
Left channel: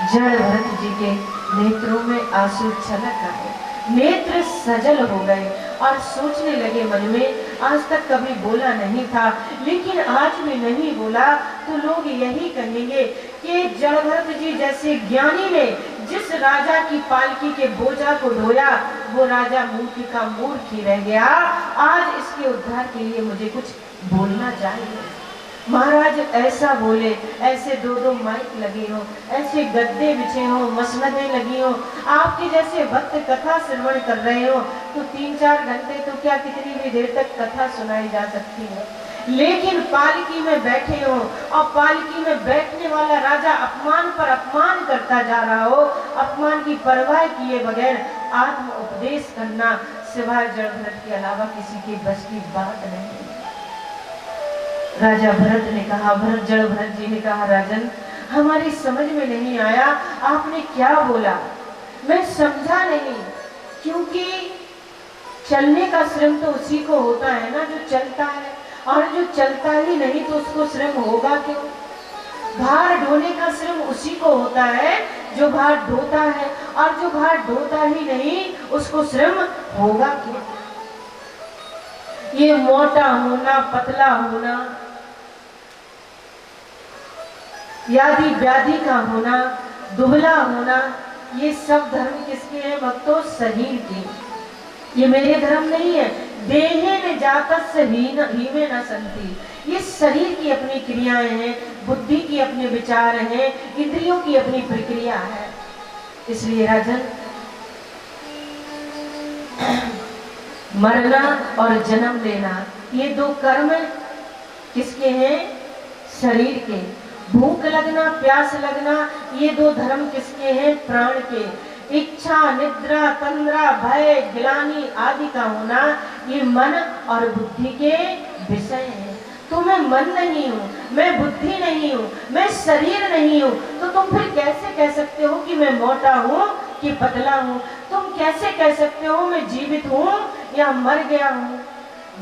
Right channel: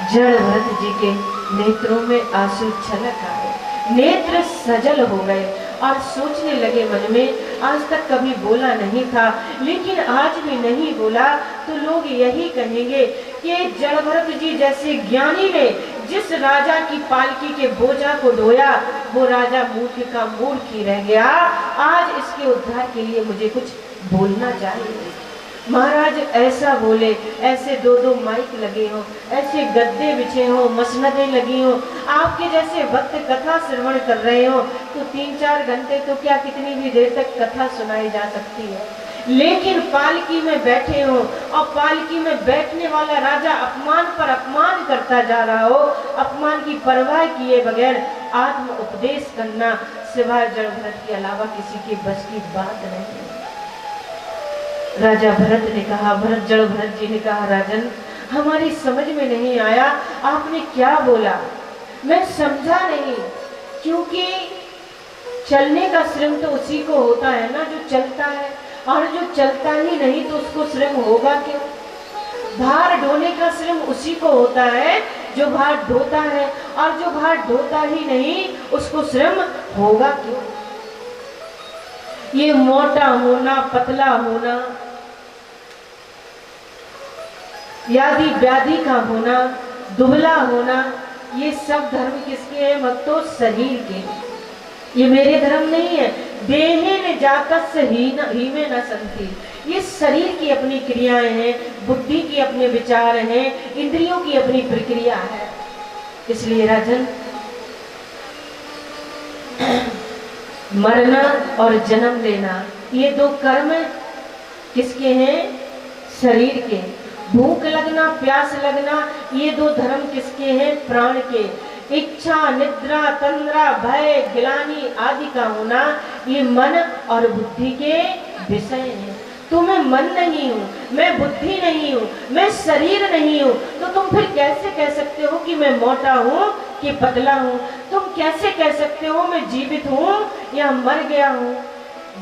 जड़ भरत जी के नेत्रों में आंसू छलक आए, नेत्र सजल हो गए और सोचने लगे मन में, आज तक कभी बोला नहीं था, लेकिन आज भी नहीं बोला तो लोग यही कहेंगे कि जड़ भरत जी जैसे ज्ञानी ने जिस राजा की पालकी के बोझा को ढोया, वो राजा मूर्ख का मूर्ख ही रह गया। आज इसके उद्धार के लिए मुझे कुछ बोलना चाहिए। महाराज ऐसा बोले, ऐसे 2-2 माइक लगे हो, ऐसे गद्दे बिछे हो, मसनदें लगी हो, आपके जैसे भक्त कथा श्रवण कर रहे हो, तो 3-4 घंटे तो क्या कितनी भी देर तक कथा सुनाई जा सकती है। लेकिन पालकी में बैठे हो और पालकी में बैठने वाला राजा अपमान पर अपमान करता जा रहा हो, अपमान की परवाह किए बगैर आत्म उपदेश करना सिवाय जड़ भरत के अलावा किसी के बस की बात नहीं। राजा भरत ने कहा, जड़ भरत जी ने कहा, राजन हमारी समझ में नहीं आया आपने क्या बोला, मैं समझा नहीं, क्योंकि चलने का श्रम तो उसी को होता है ना जो चलता है, और जो चलता ही नहीं तो उसको श्रम होगा क्यों। भार ढोने का श्रम उसी को होता है जो भार ढोता है, और जो भार ढोता ही नहीं उसको श्रम होगा क्यों। ये मोटा होना, पतला होना, यादि व्याधि का होना, दुबला होना, ये सब धर्म किसके हैं भक्तों? शरीर के। ये मेरे धर्म नहीं है। देहे ने जातस ही में न संति, ये शरीर की अपनी क्रियाएं हैं, बुद्धि की अपने विचार हैं, इंद्रियों की अपनी प्रक्रिया है। इसलिए राजन मरना और जन्म लेना ये 2 कर्म किसके हैं? शरीर के। भूख लगना, प्यास लगना ये 2 धर्म किसके हैं? प्राण के। इच्छा, निद्रा, तंद्रा, भय, गिलानी आदि का होना ये मन और बुद्धि के विषय हैं। तो मैं मन नहीं हूँ, मैं बुद्धि नहीं हूँ, मैं शरीर नहीं हूँ, तो तुम फिर कैसे कह सकते हो कि मैं मोटा हूँ कि पतला हूँ? तुम कैसे कह सकते हो मैं जीवित हूँ या मर गया हूँ?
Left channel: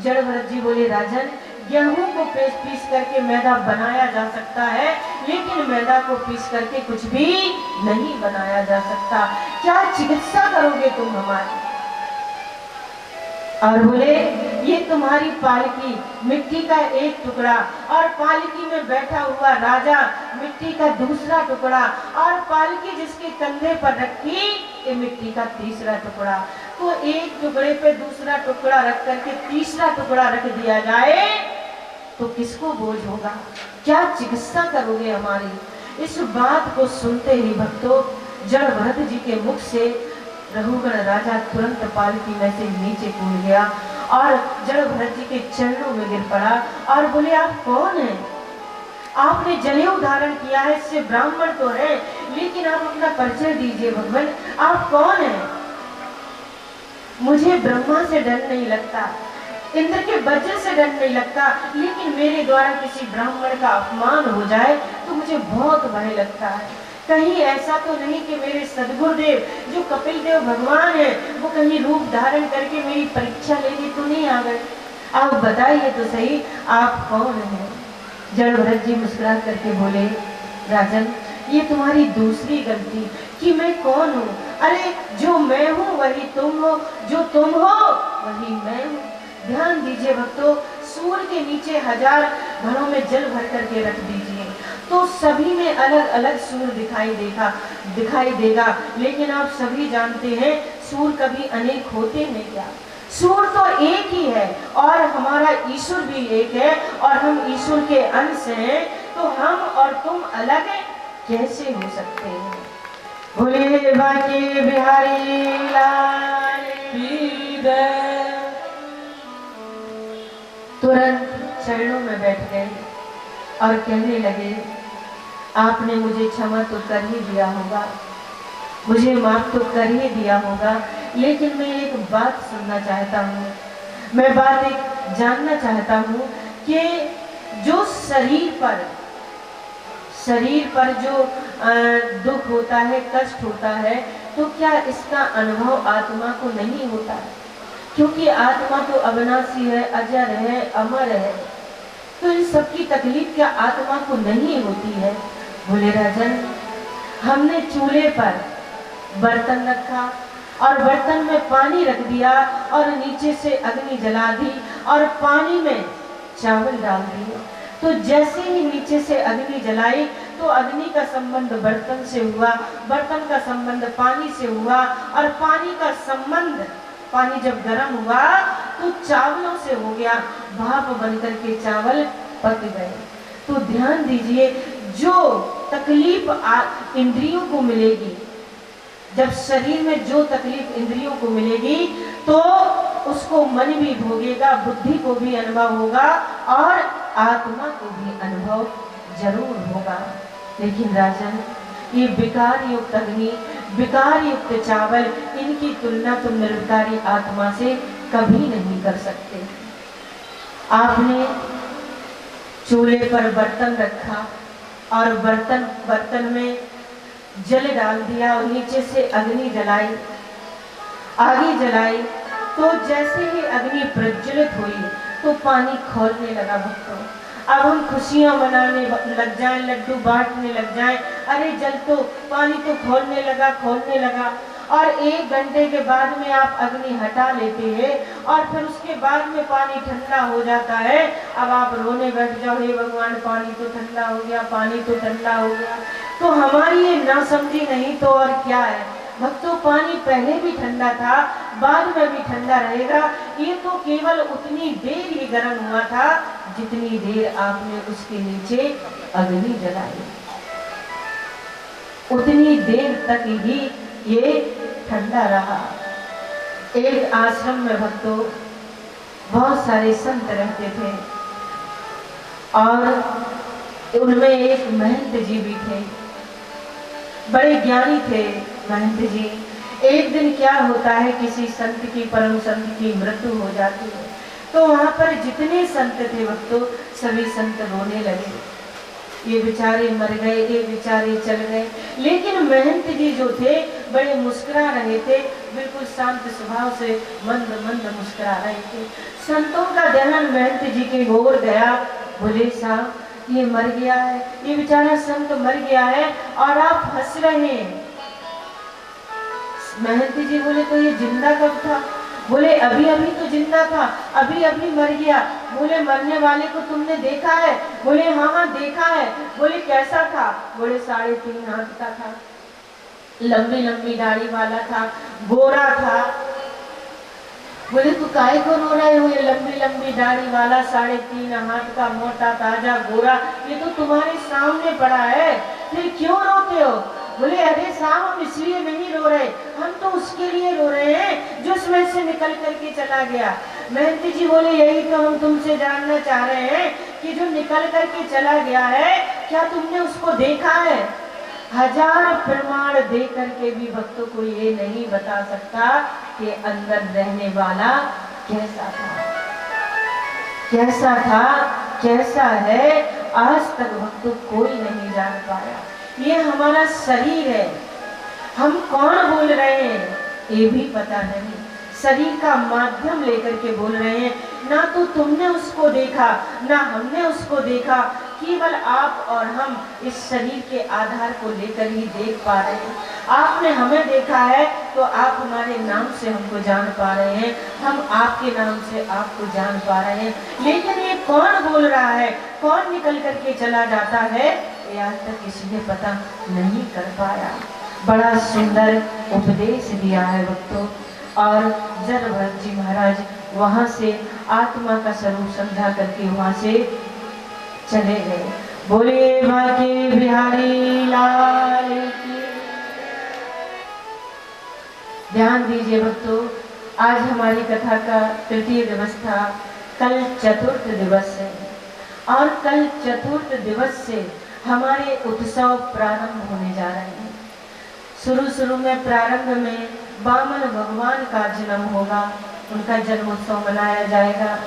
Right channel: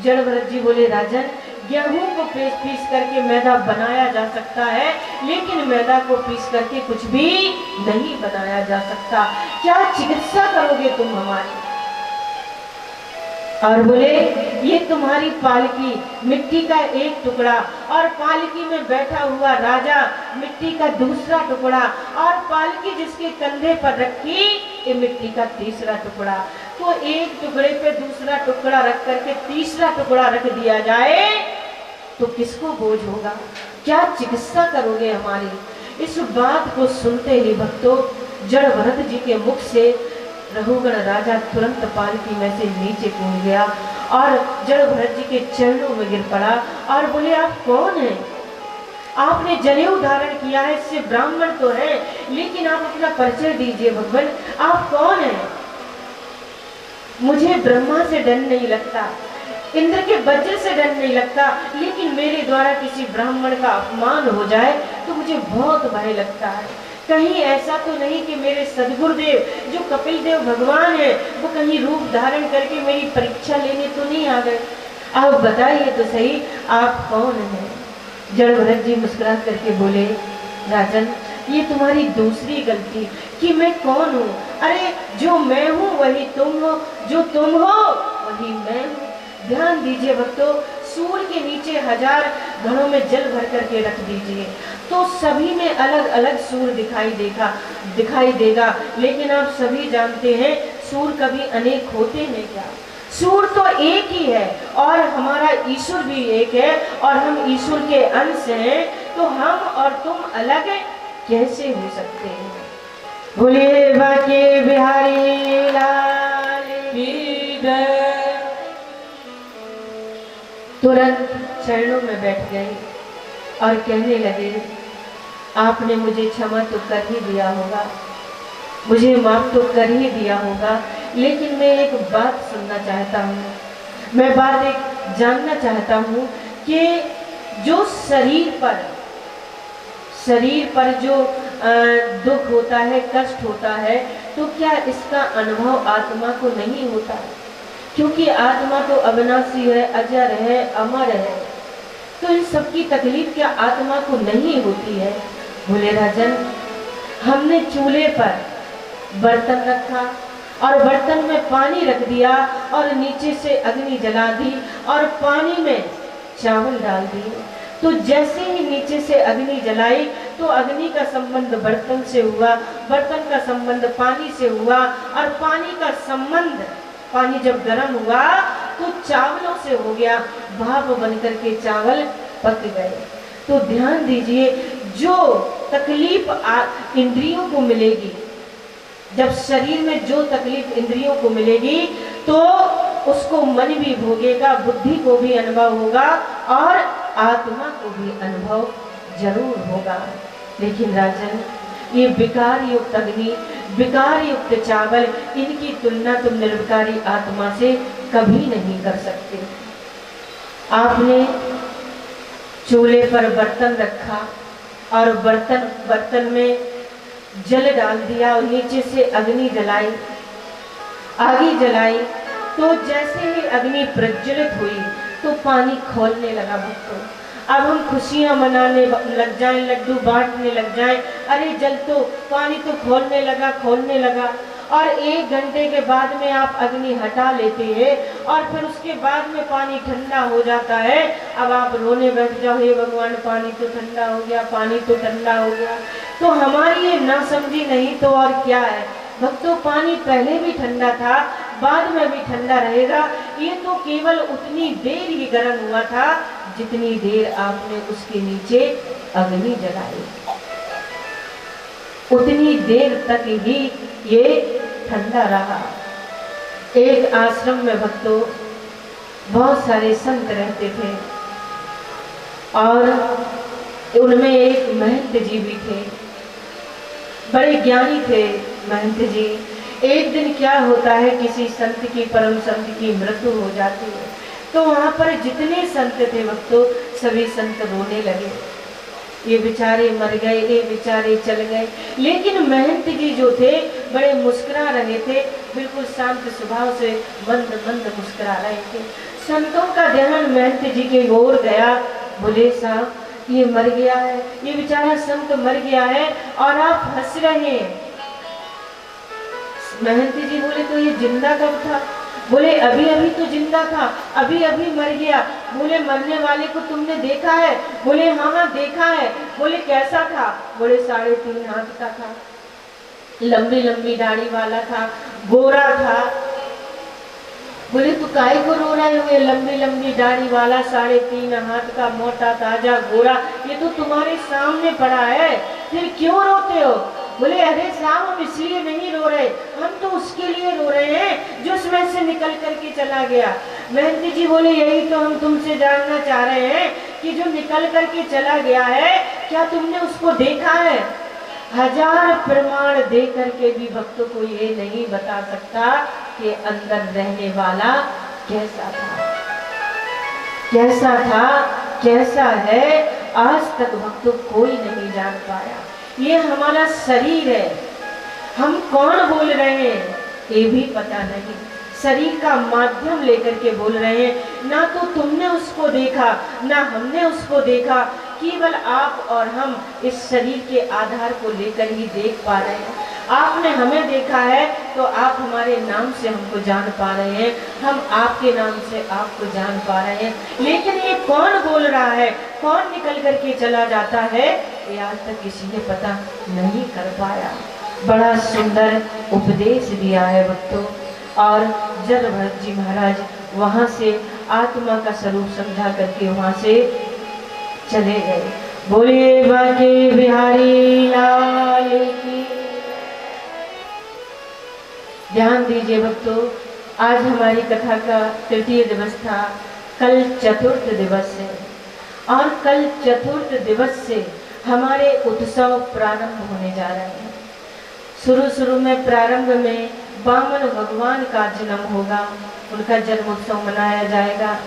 जड़ भरत जी बोले, राजन गेहूं को पीस करके मैदा बनाया जा सकता है, लेकिन मैदा को पीस करके कुछ भी नहीं बनाया जा सकता। क्या चिकित्सा करोगे तुम हमारी? और बोले, ये तुम्हारी पालकी मिट्टी का एक टुकड़ा, और पालकी में बैठा हुआ राजा मिट्टी का दूसरा टुकड़ा, और पालकी जिसके कंधे पर रखी ये मिट्टी का तीसरा टुकड़ा। तो एक टुकड़े पे दूसरा टुकड़ा रख करके तीसरा टुकड़ा रख दिया जाए तो किसको बोझ होगा? क्या चिकित्सा करोगे हमारी? इस बात को सुनते ही भक्तों जड़ भरत जी के मुख से रघुगण राजा तुरंत पालकी में से नीचे कूद गया और जड़ भरत जी के चरणों में गिर पड़ा और बोले, आप कौन हैं? आपने जनेऊ धारण किया है, इससे ब्राह्मण तो है, लेकिन आप अपना परिचय दीजिए भगवान, आप कौन हैं? मुझे ब्रह्मा से डर नहीं लगता, इंद्र के वज्र से डर नहीं लगता, लेकिन मेरे द्वारा किसी ब्राह्मण का अपमान हो जाए तो मुझे बहुत भय लगता है। कहीं ऐसा तो नहीं कि मेरे सदगुरुदेव जो कपिल देव भगवान है वो कहीं रूप धारण करके मेरी परीक्षा लेने तो नहीं आ गए? आप बताइए तो सही, आप कौन हैं? जड़ भरत जी मुस्कुरा करके बोले, राजन ये तुम्हारी दूसरी गलती कि मैं कौन हूँ। अरे जो मैं हूँ वही तुम हो, जो तुम हो वही मैं हूँ। ध्यान दीजिए भक्तों, सूर्य के नीचे 1000 घड़ों में जल भर करके रख दीजिए तो सभी में अलग अलग सूर्य दिखाई देगा, लेकिन आप सभी जानते हैं सूर्य कभी अनेक होते हैं क्या? सूर्य तो एक ही है और हमारा ईश्वर भी एक है और हम ईश्वर के अंश हैं, तो हम और तुम अलग कैसे हो सकते हैं? बोलिए बाके बिहारी लाल की जय। तुरंत चरणों में बैठ गए और कहने लगे, आपने मुझे क्षमा तो कर ही दिया होगा, मुझे माफ तो कर ही दिया होगा, लेकिन मैं एक बात सुनना चाहता हूँ, मैं बात एक जानना चाहता हूँ कि जो शरीर पर जो दुख होता है, कष्ट होता है, तो क्या इसका अनुभव आत्मा को नहीं होता? क्योंकि आत्मा तो अविनाशी है, अजर है, अमर है, तो इन सबकी तकलीफ क्या आत्मा को नहीं होती है? बोले राजन, हमने चूल्हे पर बर्तन रखा और बर्तन में पानी रख दिया और नीचे से अग्नि जला दी और पानी में चावल डाल दिए, तो जैसे ही नीचे से अग्नि जलाई तो अग्नि का संबंध बर्तन से हुआ, बर्तन का संबंध पानी से हुआ और पानी का संबंध, पानी जब गर्म हुआ तो चावलों से हो गया, भाप बनकर के चावल पक गए। तो ध्यान दीजिए, जो तकलीफ इंद्रियों को मिलेगी, जब शरीर में जो तकलीफ इंद्रियों को मिलेगी तो उसको मन भी भोगेगा, बुद्धि को भी अनुभव होगा और आत्मा को भी अनुभव जरूर होगा। लेकिन राजन, ये विकार युक्त अग्नि, विकार युक्त चावल, इनकी तुलना तुम निर्विकारी आत्मा से कभी नहीं कर सकते। आपने चूल्हे पर बर्तन रखा और बर्तन में जल डाल दिया और नीचे से अग्नि जलाई, आगे जलाई, तो जैसे ही अग्नि प्रज्वलित हुई तो पानी खौलने लगा भक्तों। अब हम खुशियां मनाने लग जाएं, लड्डू बांटने लग जाएं, अरे जल तो, पानी तो खौलने लगा और 1 घंटे के बाद में आप अग्नि हटा लेते हैं और फिर उसके बाद में पानी ठंडा हो जाता है। अब आप रोने बैठ जाओ, हे भगवान पानी तो ठंडा हो गया, पानी तो ठंडा हो गया। तो हमारी ये ना समझी नहीं तो और क्या है भक्तों, पानी पहले भी ठंडा था, बाद में भी ठंडा रहेगा। ये तो केवल उतनी देर ही गर्म हुआ था जितनी देर आपने उसके नीचे अग्नि जलाई, उतनी देर तक ही ये ठंडा रहा। एक आश्रम में भक्तों बहुत सारे संत रहते थे और उनमें एक महंत जी भी थे, बड़े ज्ञानी थे महंत जी। एक दिन क्या होता है, किसी संत की, परम संत की मृत्यु हो जाती है, तो वहां पर जितने संत थे भक्तों सभी संत रोने लगे, ये बेचारे मर गए, ये बेचारे चल गए। लेकिन महंत जी जो थे बड़े मुस्कुरा रहे थे, बिल्कुल शांत स्वभाव से मंद मंद मुस्कुरा रहे थे। संतों का ध्यान महंत जी के ओर गया, बोले साहब ये मर गया है, ये बेचारा संत मर गया है और आप हंस रहे हैं। महंत जी बोले तो ये जिंदा कब था? बोले अभी अभी तो जिंदा था, अभी अभी मर गया। बोले मरने वाले को तुमने देखा है? बोले हाँ हाँ देखा है। बोले कैसा था? बोले 3.5 हाथ का था, लंबी लंबी दाढ़ी वाला था, गोरा था। बोले तो काहे को रो रहे हुए? लंबी लंबी दाढ़ी वाला, 3.5 हाथ का, मोटा ताजा गोरा, ये तो तुम्हारे सामने पड़ा है, फिर क्यों रोते हो? बोले अरे साहब हम इसलिए नहीं रो रहे, हम तो उसके लिए रो रहे हैं जो उसमें से निकल करके चला गया। महंत जी बोले यही तो हम तुमसे जानना चाह रहे हैं कि जो निकल करके चला गया है क्या तुमने उसको देखा है? हजार प्रमाण दे करके भी भक्तों को ये नहीं बता सकता कि अंदर रहने वाला कैसा था, कैसा था, कैसा है, आज तक भक्तों कोई नहीं जान पाया। ये हमारा शरीर है, हम कौन बोल रहे हैं ये भी पता नहीं, शरीर का माध्यम लेकर के बोल रहे हैं। ना तो तुमने उसको देखा, ना हमने उसको देखा, केवल आप और हम इस शरीर के आधार को लेकर ही देख पा रहे हैं। आपने हमें देखा है तो आप हमारे नाम से हमको जान पा रहे हैं, हम आपके नाम से आपको जान पा रहे हैं। लेकिन ये कौन बोल रहा है, कौन निकल करके चला जाता है, ये आज तक किसी ने पता नहीं कर पाया। बड़ा सुंदर उपदेश दिया है भक्तों। और जब भरत जी महाराज वहाँ से आत्मा का स्वरूप समझा करके वहाँ से चले गए। बोले बाके बिहारी लाल की। ध्यान दीजिए भक्तों, आज हमारी कथा का तृतीय दिवस था, कल चतुर्थ दिवस है और कल चतुर्थ दिवस से हमारे उत्सव प्रारंभ होने जा रहे हैं। शुरू में प्रारंभ में वामन भगवान का जन्म होगा, उनका जन्मोत्सव मनाया जाएगा।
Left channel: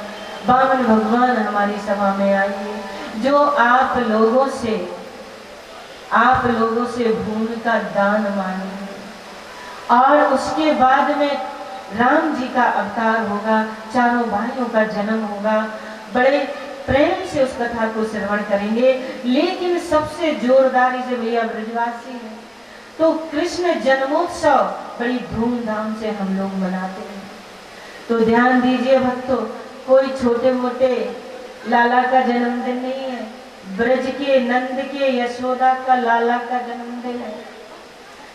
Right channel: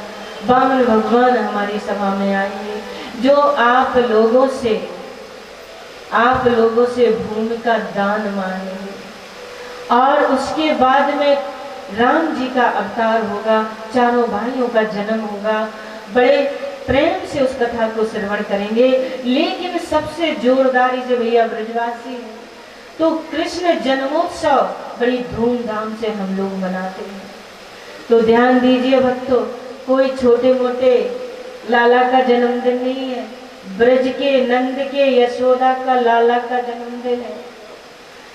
वामन भगवान हमारी सभा में आएंगे, जो आप लोगों से भूमि का दान मांगेंगे। और उसके बाद में राम जी का अवतार होगा, चारों भाइयों का जन्म होगा। बड़े प्रेम से उस कथा को श्रवण करेंगे। लेकिन सबसे जोरदारी से भैया ब्रजवासी है तो कृष्ण जन्मोत्सव बड़ी धूमधाम से हम लोग मनाते हैं। तो ध्यान दीजिए भक्तों, कोई छोटे मोटे लाला का जन्मदिन नहीं है, ब्रज के नंद के यशोदा का लाला का जन्मदिन है।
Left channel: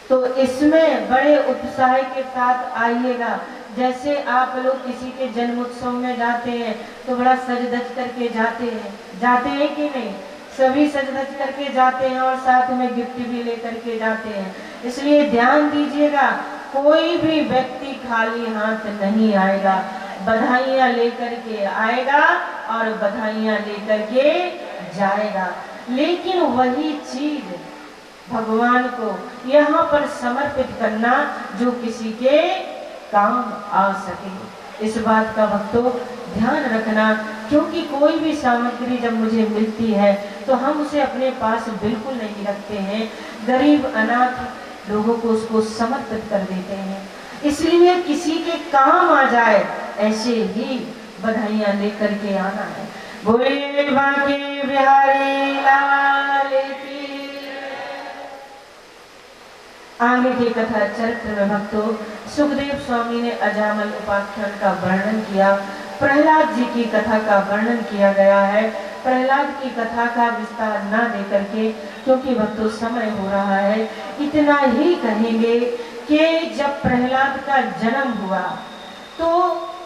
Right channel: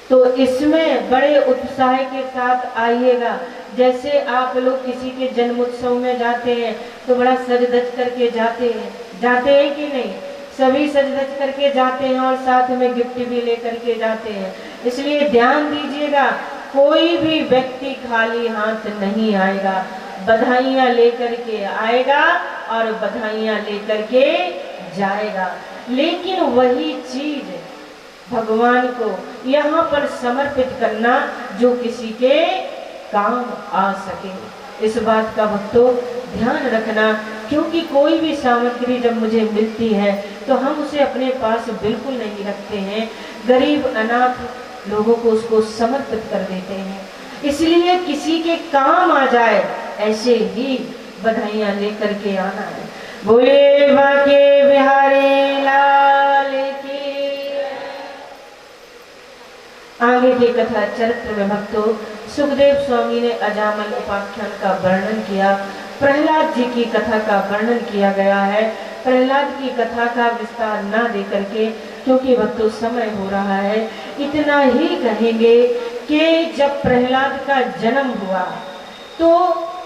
तो इसमें बड़े उत्साह के साथ आइएगा। जैसे आप लोग किसी के जन्मोत्सव में जाते हैं तो बड़ा सज धज करके जाते हैं कि नहीं? सभी सज धज करके जाते हैं और साथ में गिफ्ट भी लेकर के जाते हैं। इसलिए ध्यान दीजिएगा, कोई भी व्यक्ति खाली हाथ नहीं आएगा, बधाइयाँ लेकर के आएगा और बधाइयाँ लेकर के जाएगा। लेकिन वही चीज भगवान को यहाँ पर समर्पित करना जो किसी के काम आ सके। इस बात का भक्तों ध्यान रखना, क्योंकि कोई भी सामग्री जब मुझे मिलती है तो हम उसे अपने पास बिल्कुल नहीं रखते हैं, गरीब अनाथ लोगों को उसको समर्पित कर देते हैं। इसलिए किसी के काम आ जाए ऐसे ही बधाइयाँ लेकर के आना है। बोले बाके बिहारी लाल की। आगे की कथा चरित्र में भक्तों सुखदेव स्वामी ने अजामल उपाख्यान का वर्णन किया, प्रहलाद जी की कथा का वर्णन किया गया है। प्रहलाद की कथा का विस्तार न दे करके, क्योंकि भक्तों समय हो रहा है, इतना ही कहेंगे कि जब प्रहलाद का जन्म हुआ तो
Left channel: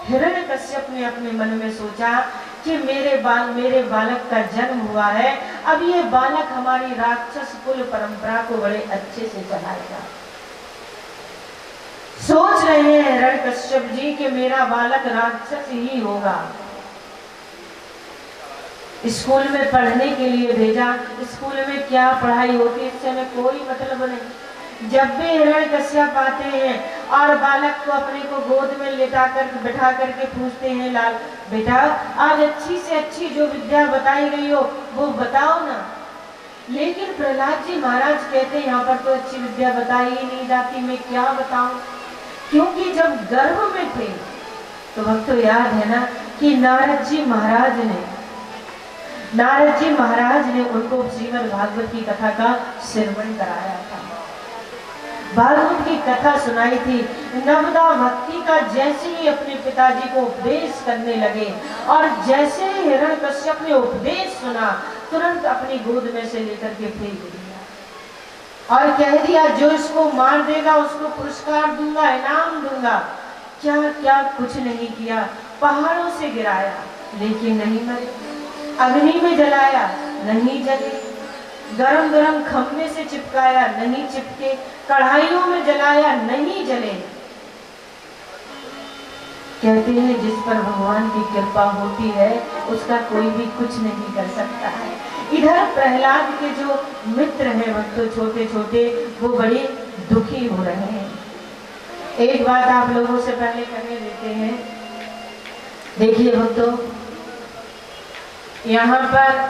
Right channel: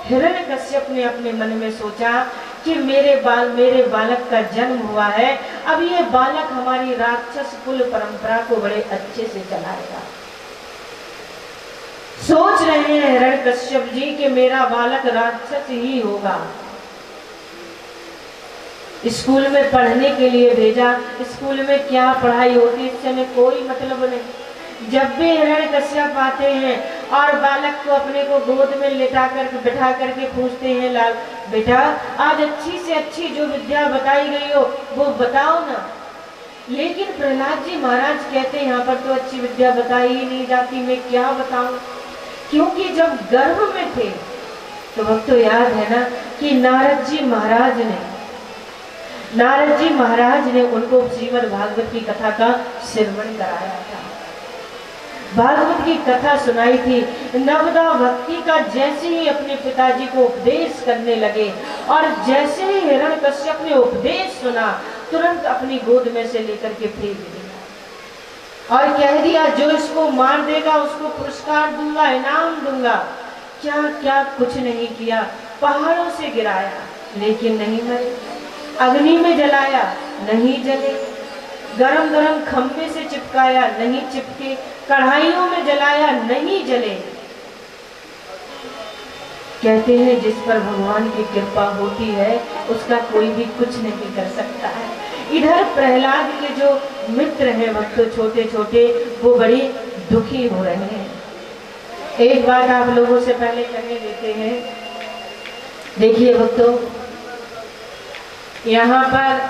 हिरण्यकश्यप ने अपने मन में सोचा कि मेरे बालक का जन्म हुआ है, अब ये बालक हमारी राक्षस कुल परंपरा को बड़े अच्छे से चलाएगा। सोच रहे हैं हिरण्यकश्यप जी कि मेरा बालक राक्षस ही होगा। स्कूल में पढ़ने के लिए भेजा, स्कूल में क्या पढ़ाई होती इससे हमें कोई मतलब नहीं। जब भी हिरण्यकश्यप आते हैं और बालक को अपने को गोद में बैठा करके पूछते हैं, लाल बेटा आज अच्छी से अच्छी जो विद्या बताई गई हो वो बताओ ना। लेकिन प्रहलाद जी महाराज कहते हैं यहाँ पर तो अच्छी विद्या बताई ही नहीं जाती, मैं क्या बताऊं। क्योंकि जब गर्भ में थे तो भक्तों याद है ना कि नारद जी महाराज ने उनको श्रीमद् भागवत की कथा का श्रवण कराया था, भागवत की कथा सुनाई थी। नवदा भक्ति का जैसे ही अपने पिताजी को उपदेश करने लगे और जैसे ही हिरण्यकश्यप ने उपदेश सुना तुरंत अपनी गोद में से लेकर के फेंक दिया और कह दिया जो इसको मार देगा उसको पुरस्कार दूंगा, इनाम दूंगा। क्या क्या कुछ नहीं किया, पहाड़ों से गिराया लेकिन नहीं मरे, अग्नि में जलाया नहीं जले, गरम गरम खम्भे से चिपकाया नहीं चिपके, कढ़ाइयों में जलाया नहीं जले। कहते हैं जिस पर भगवान की कृपा होती है उसका कोई भी कुछ नहीं कर सकता है। इधर प्रहलाद के जो मित्र हैं भक्तों छोटे छोटे, वो बड़ी दुखी हो रहे हैं। एक बात आप लोगों से पहले कहने देते हैं। देखिए भक्तों, यहाँ पर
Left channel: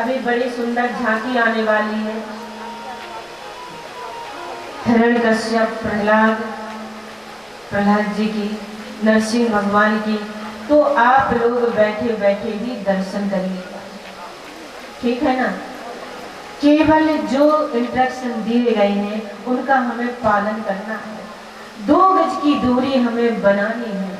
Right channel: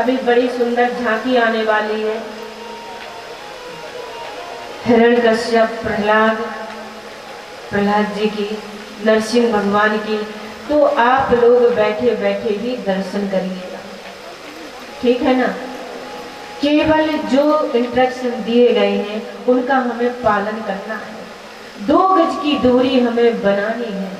अभी बड़ी सुंदर झांकी आने वाली है। हिरण्यकश्यप प्रहलाद जी की, नरसिंह भगवान की, तो आप लोग बैठे बैठे ही दर्शन करिएगा, ठीक है ना। केवल जो इंस्ट्रक्शन दिए गए हैं उनका हमें पालन करना है। 2 गज की दूरी हमें बनानी है।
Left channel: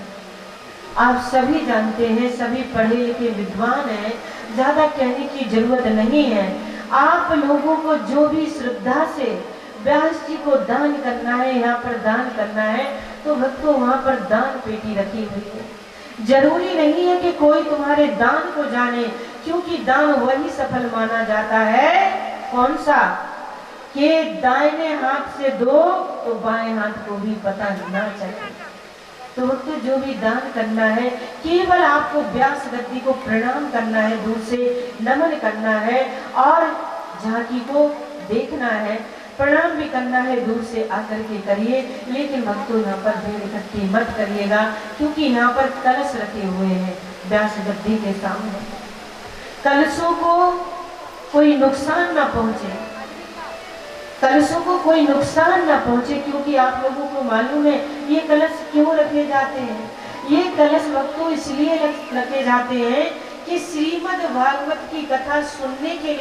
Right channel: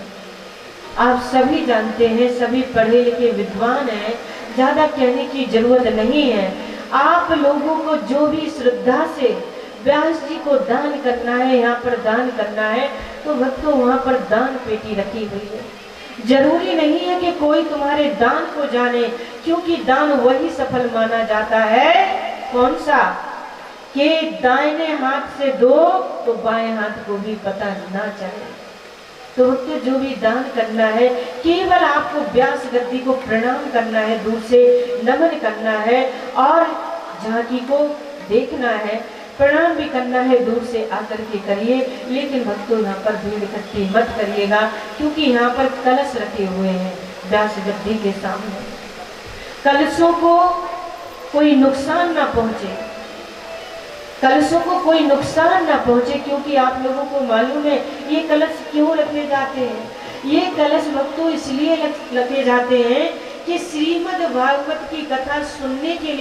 आप सभी जानते हैं, सभी पढ़े लिखे विद्वान हैं, ज्यादा कहने की जरूरत नहीं है। आप लोगों को जो भी श्रद्धा से व्यास जी को दान करना है, यहाँ पर दान करना है, तो भक्तों वहाँ पर दान पेटी रखी हुई है। जरूरी नहीं है कि कोई तुम्हारे दान को जाने, क्योंकि दान वही सफल माना जाता है कौन सा, कि दाहिने हाथ से दो तो बाएं हाथ को भी पता ना चले। तो भक्तों जो भी दान करना है, केवल आपको व्यास गद्दी को प्रणाम करना है, दूर से नमन करना है और झांकी को देखना है, प्रणाम भी करना है, दूर से आकर के करिए। लेकिन भक्तों यहाँ पर भीड़ इकट्ठी मत करिएगा, क्योंकि यहाँ पर कलश रखे हुए हैं व्यास गद्दी के सामने। कलशों को कोई नुकसान ना पहुंचे, कलशों को कोई नुकसान ना पहुंचे, क्योंकि आप लोगों को मालूम है ये कलश क्यों रखे जाते हैं। ये कलश भक्तों इसलिए रखे जाते हैं कि श्रीमद् भागवत की कथा सुनने के लिए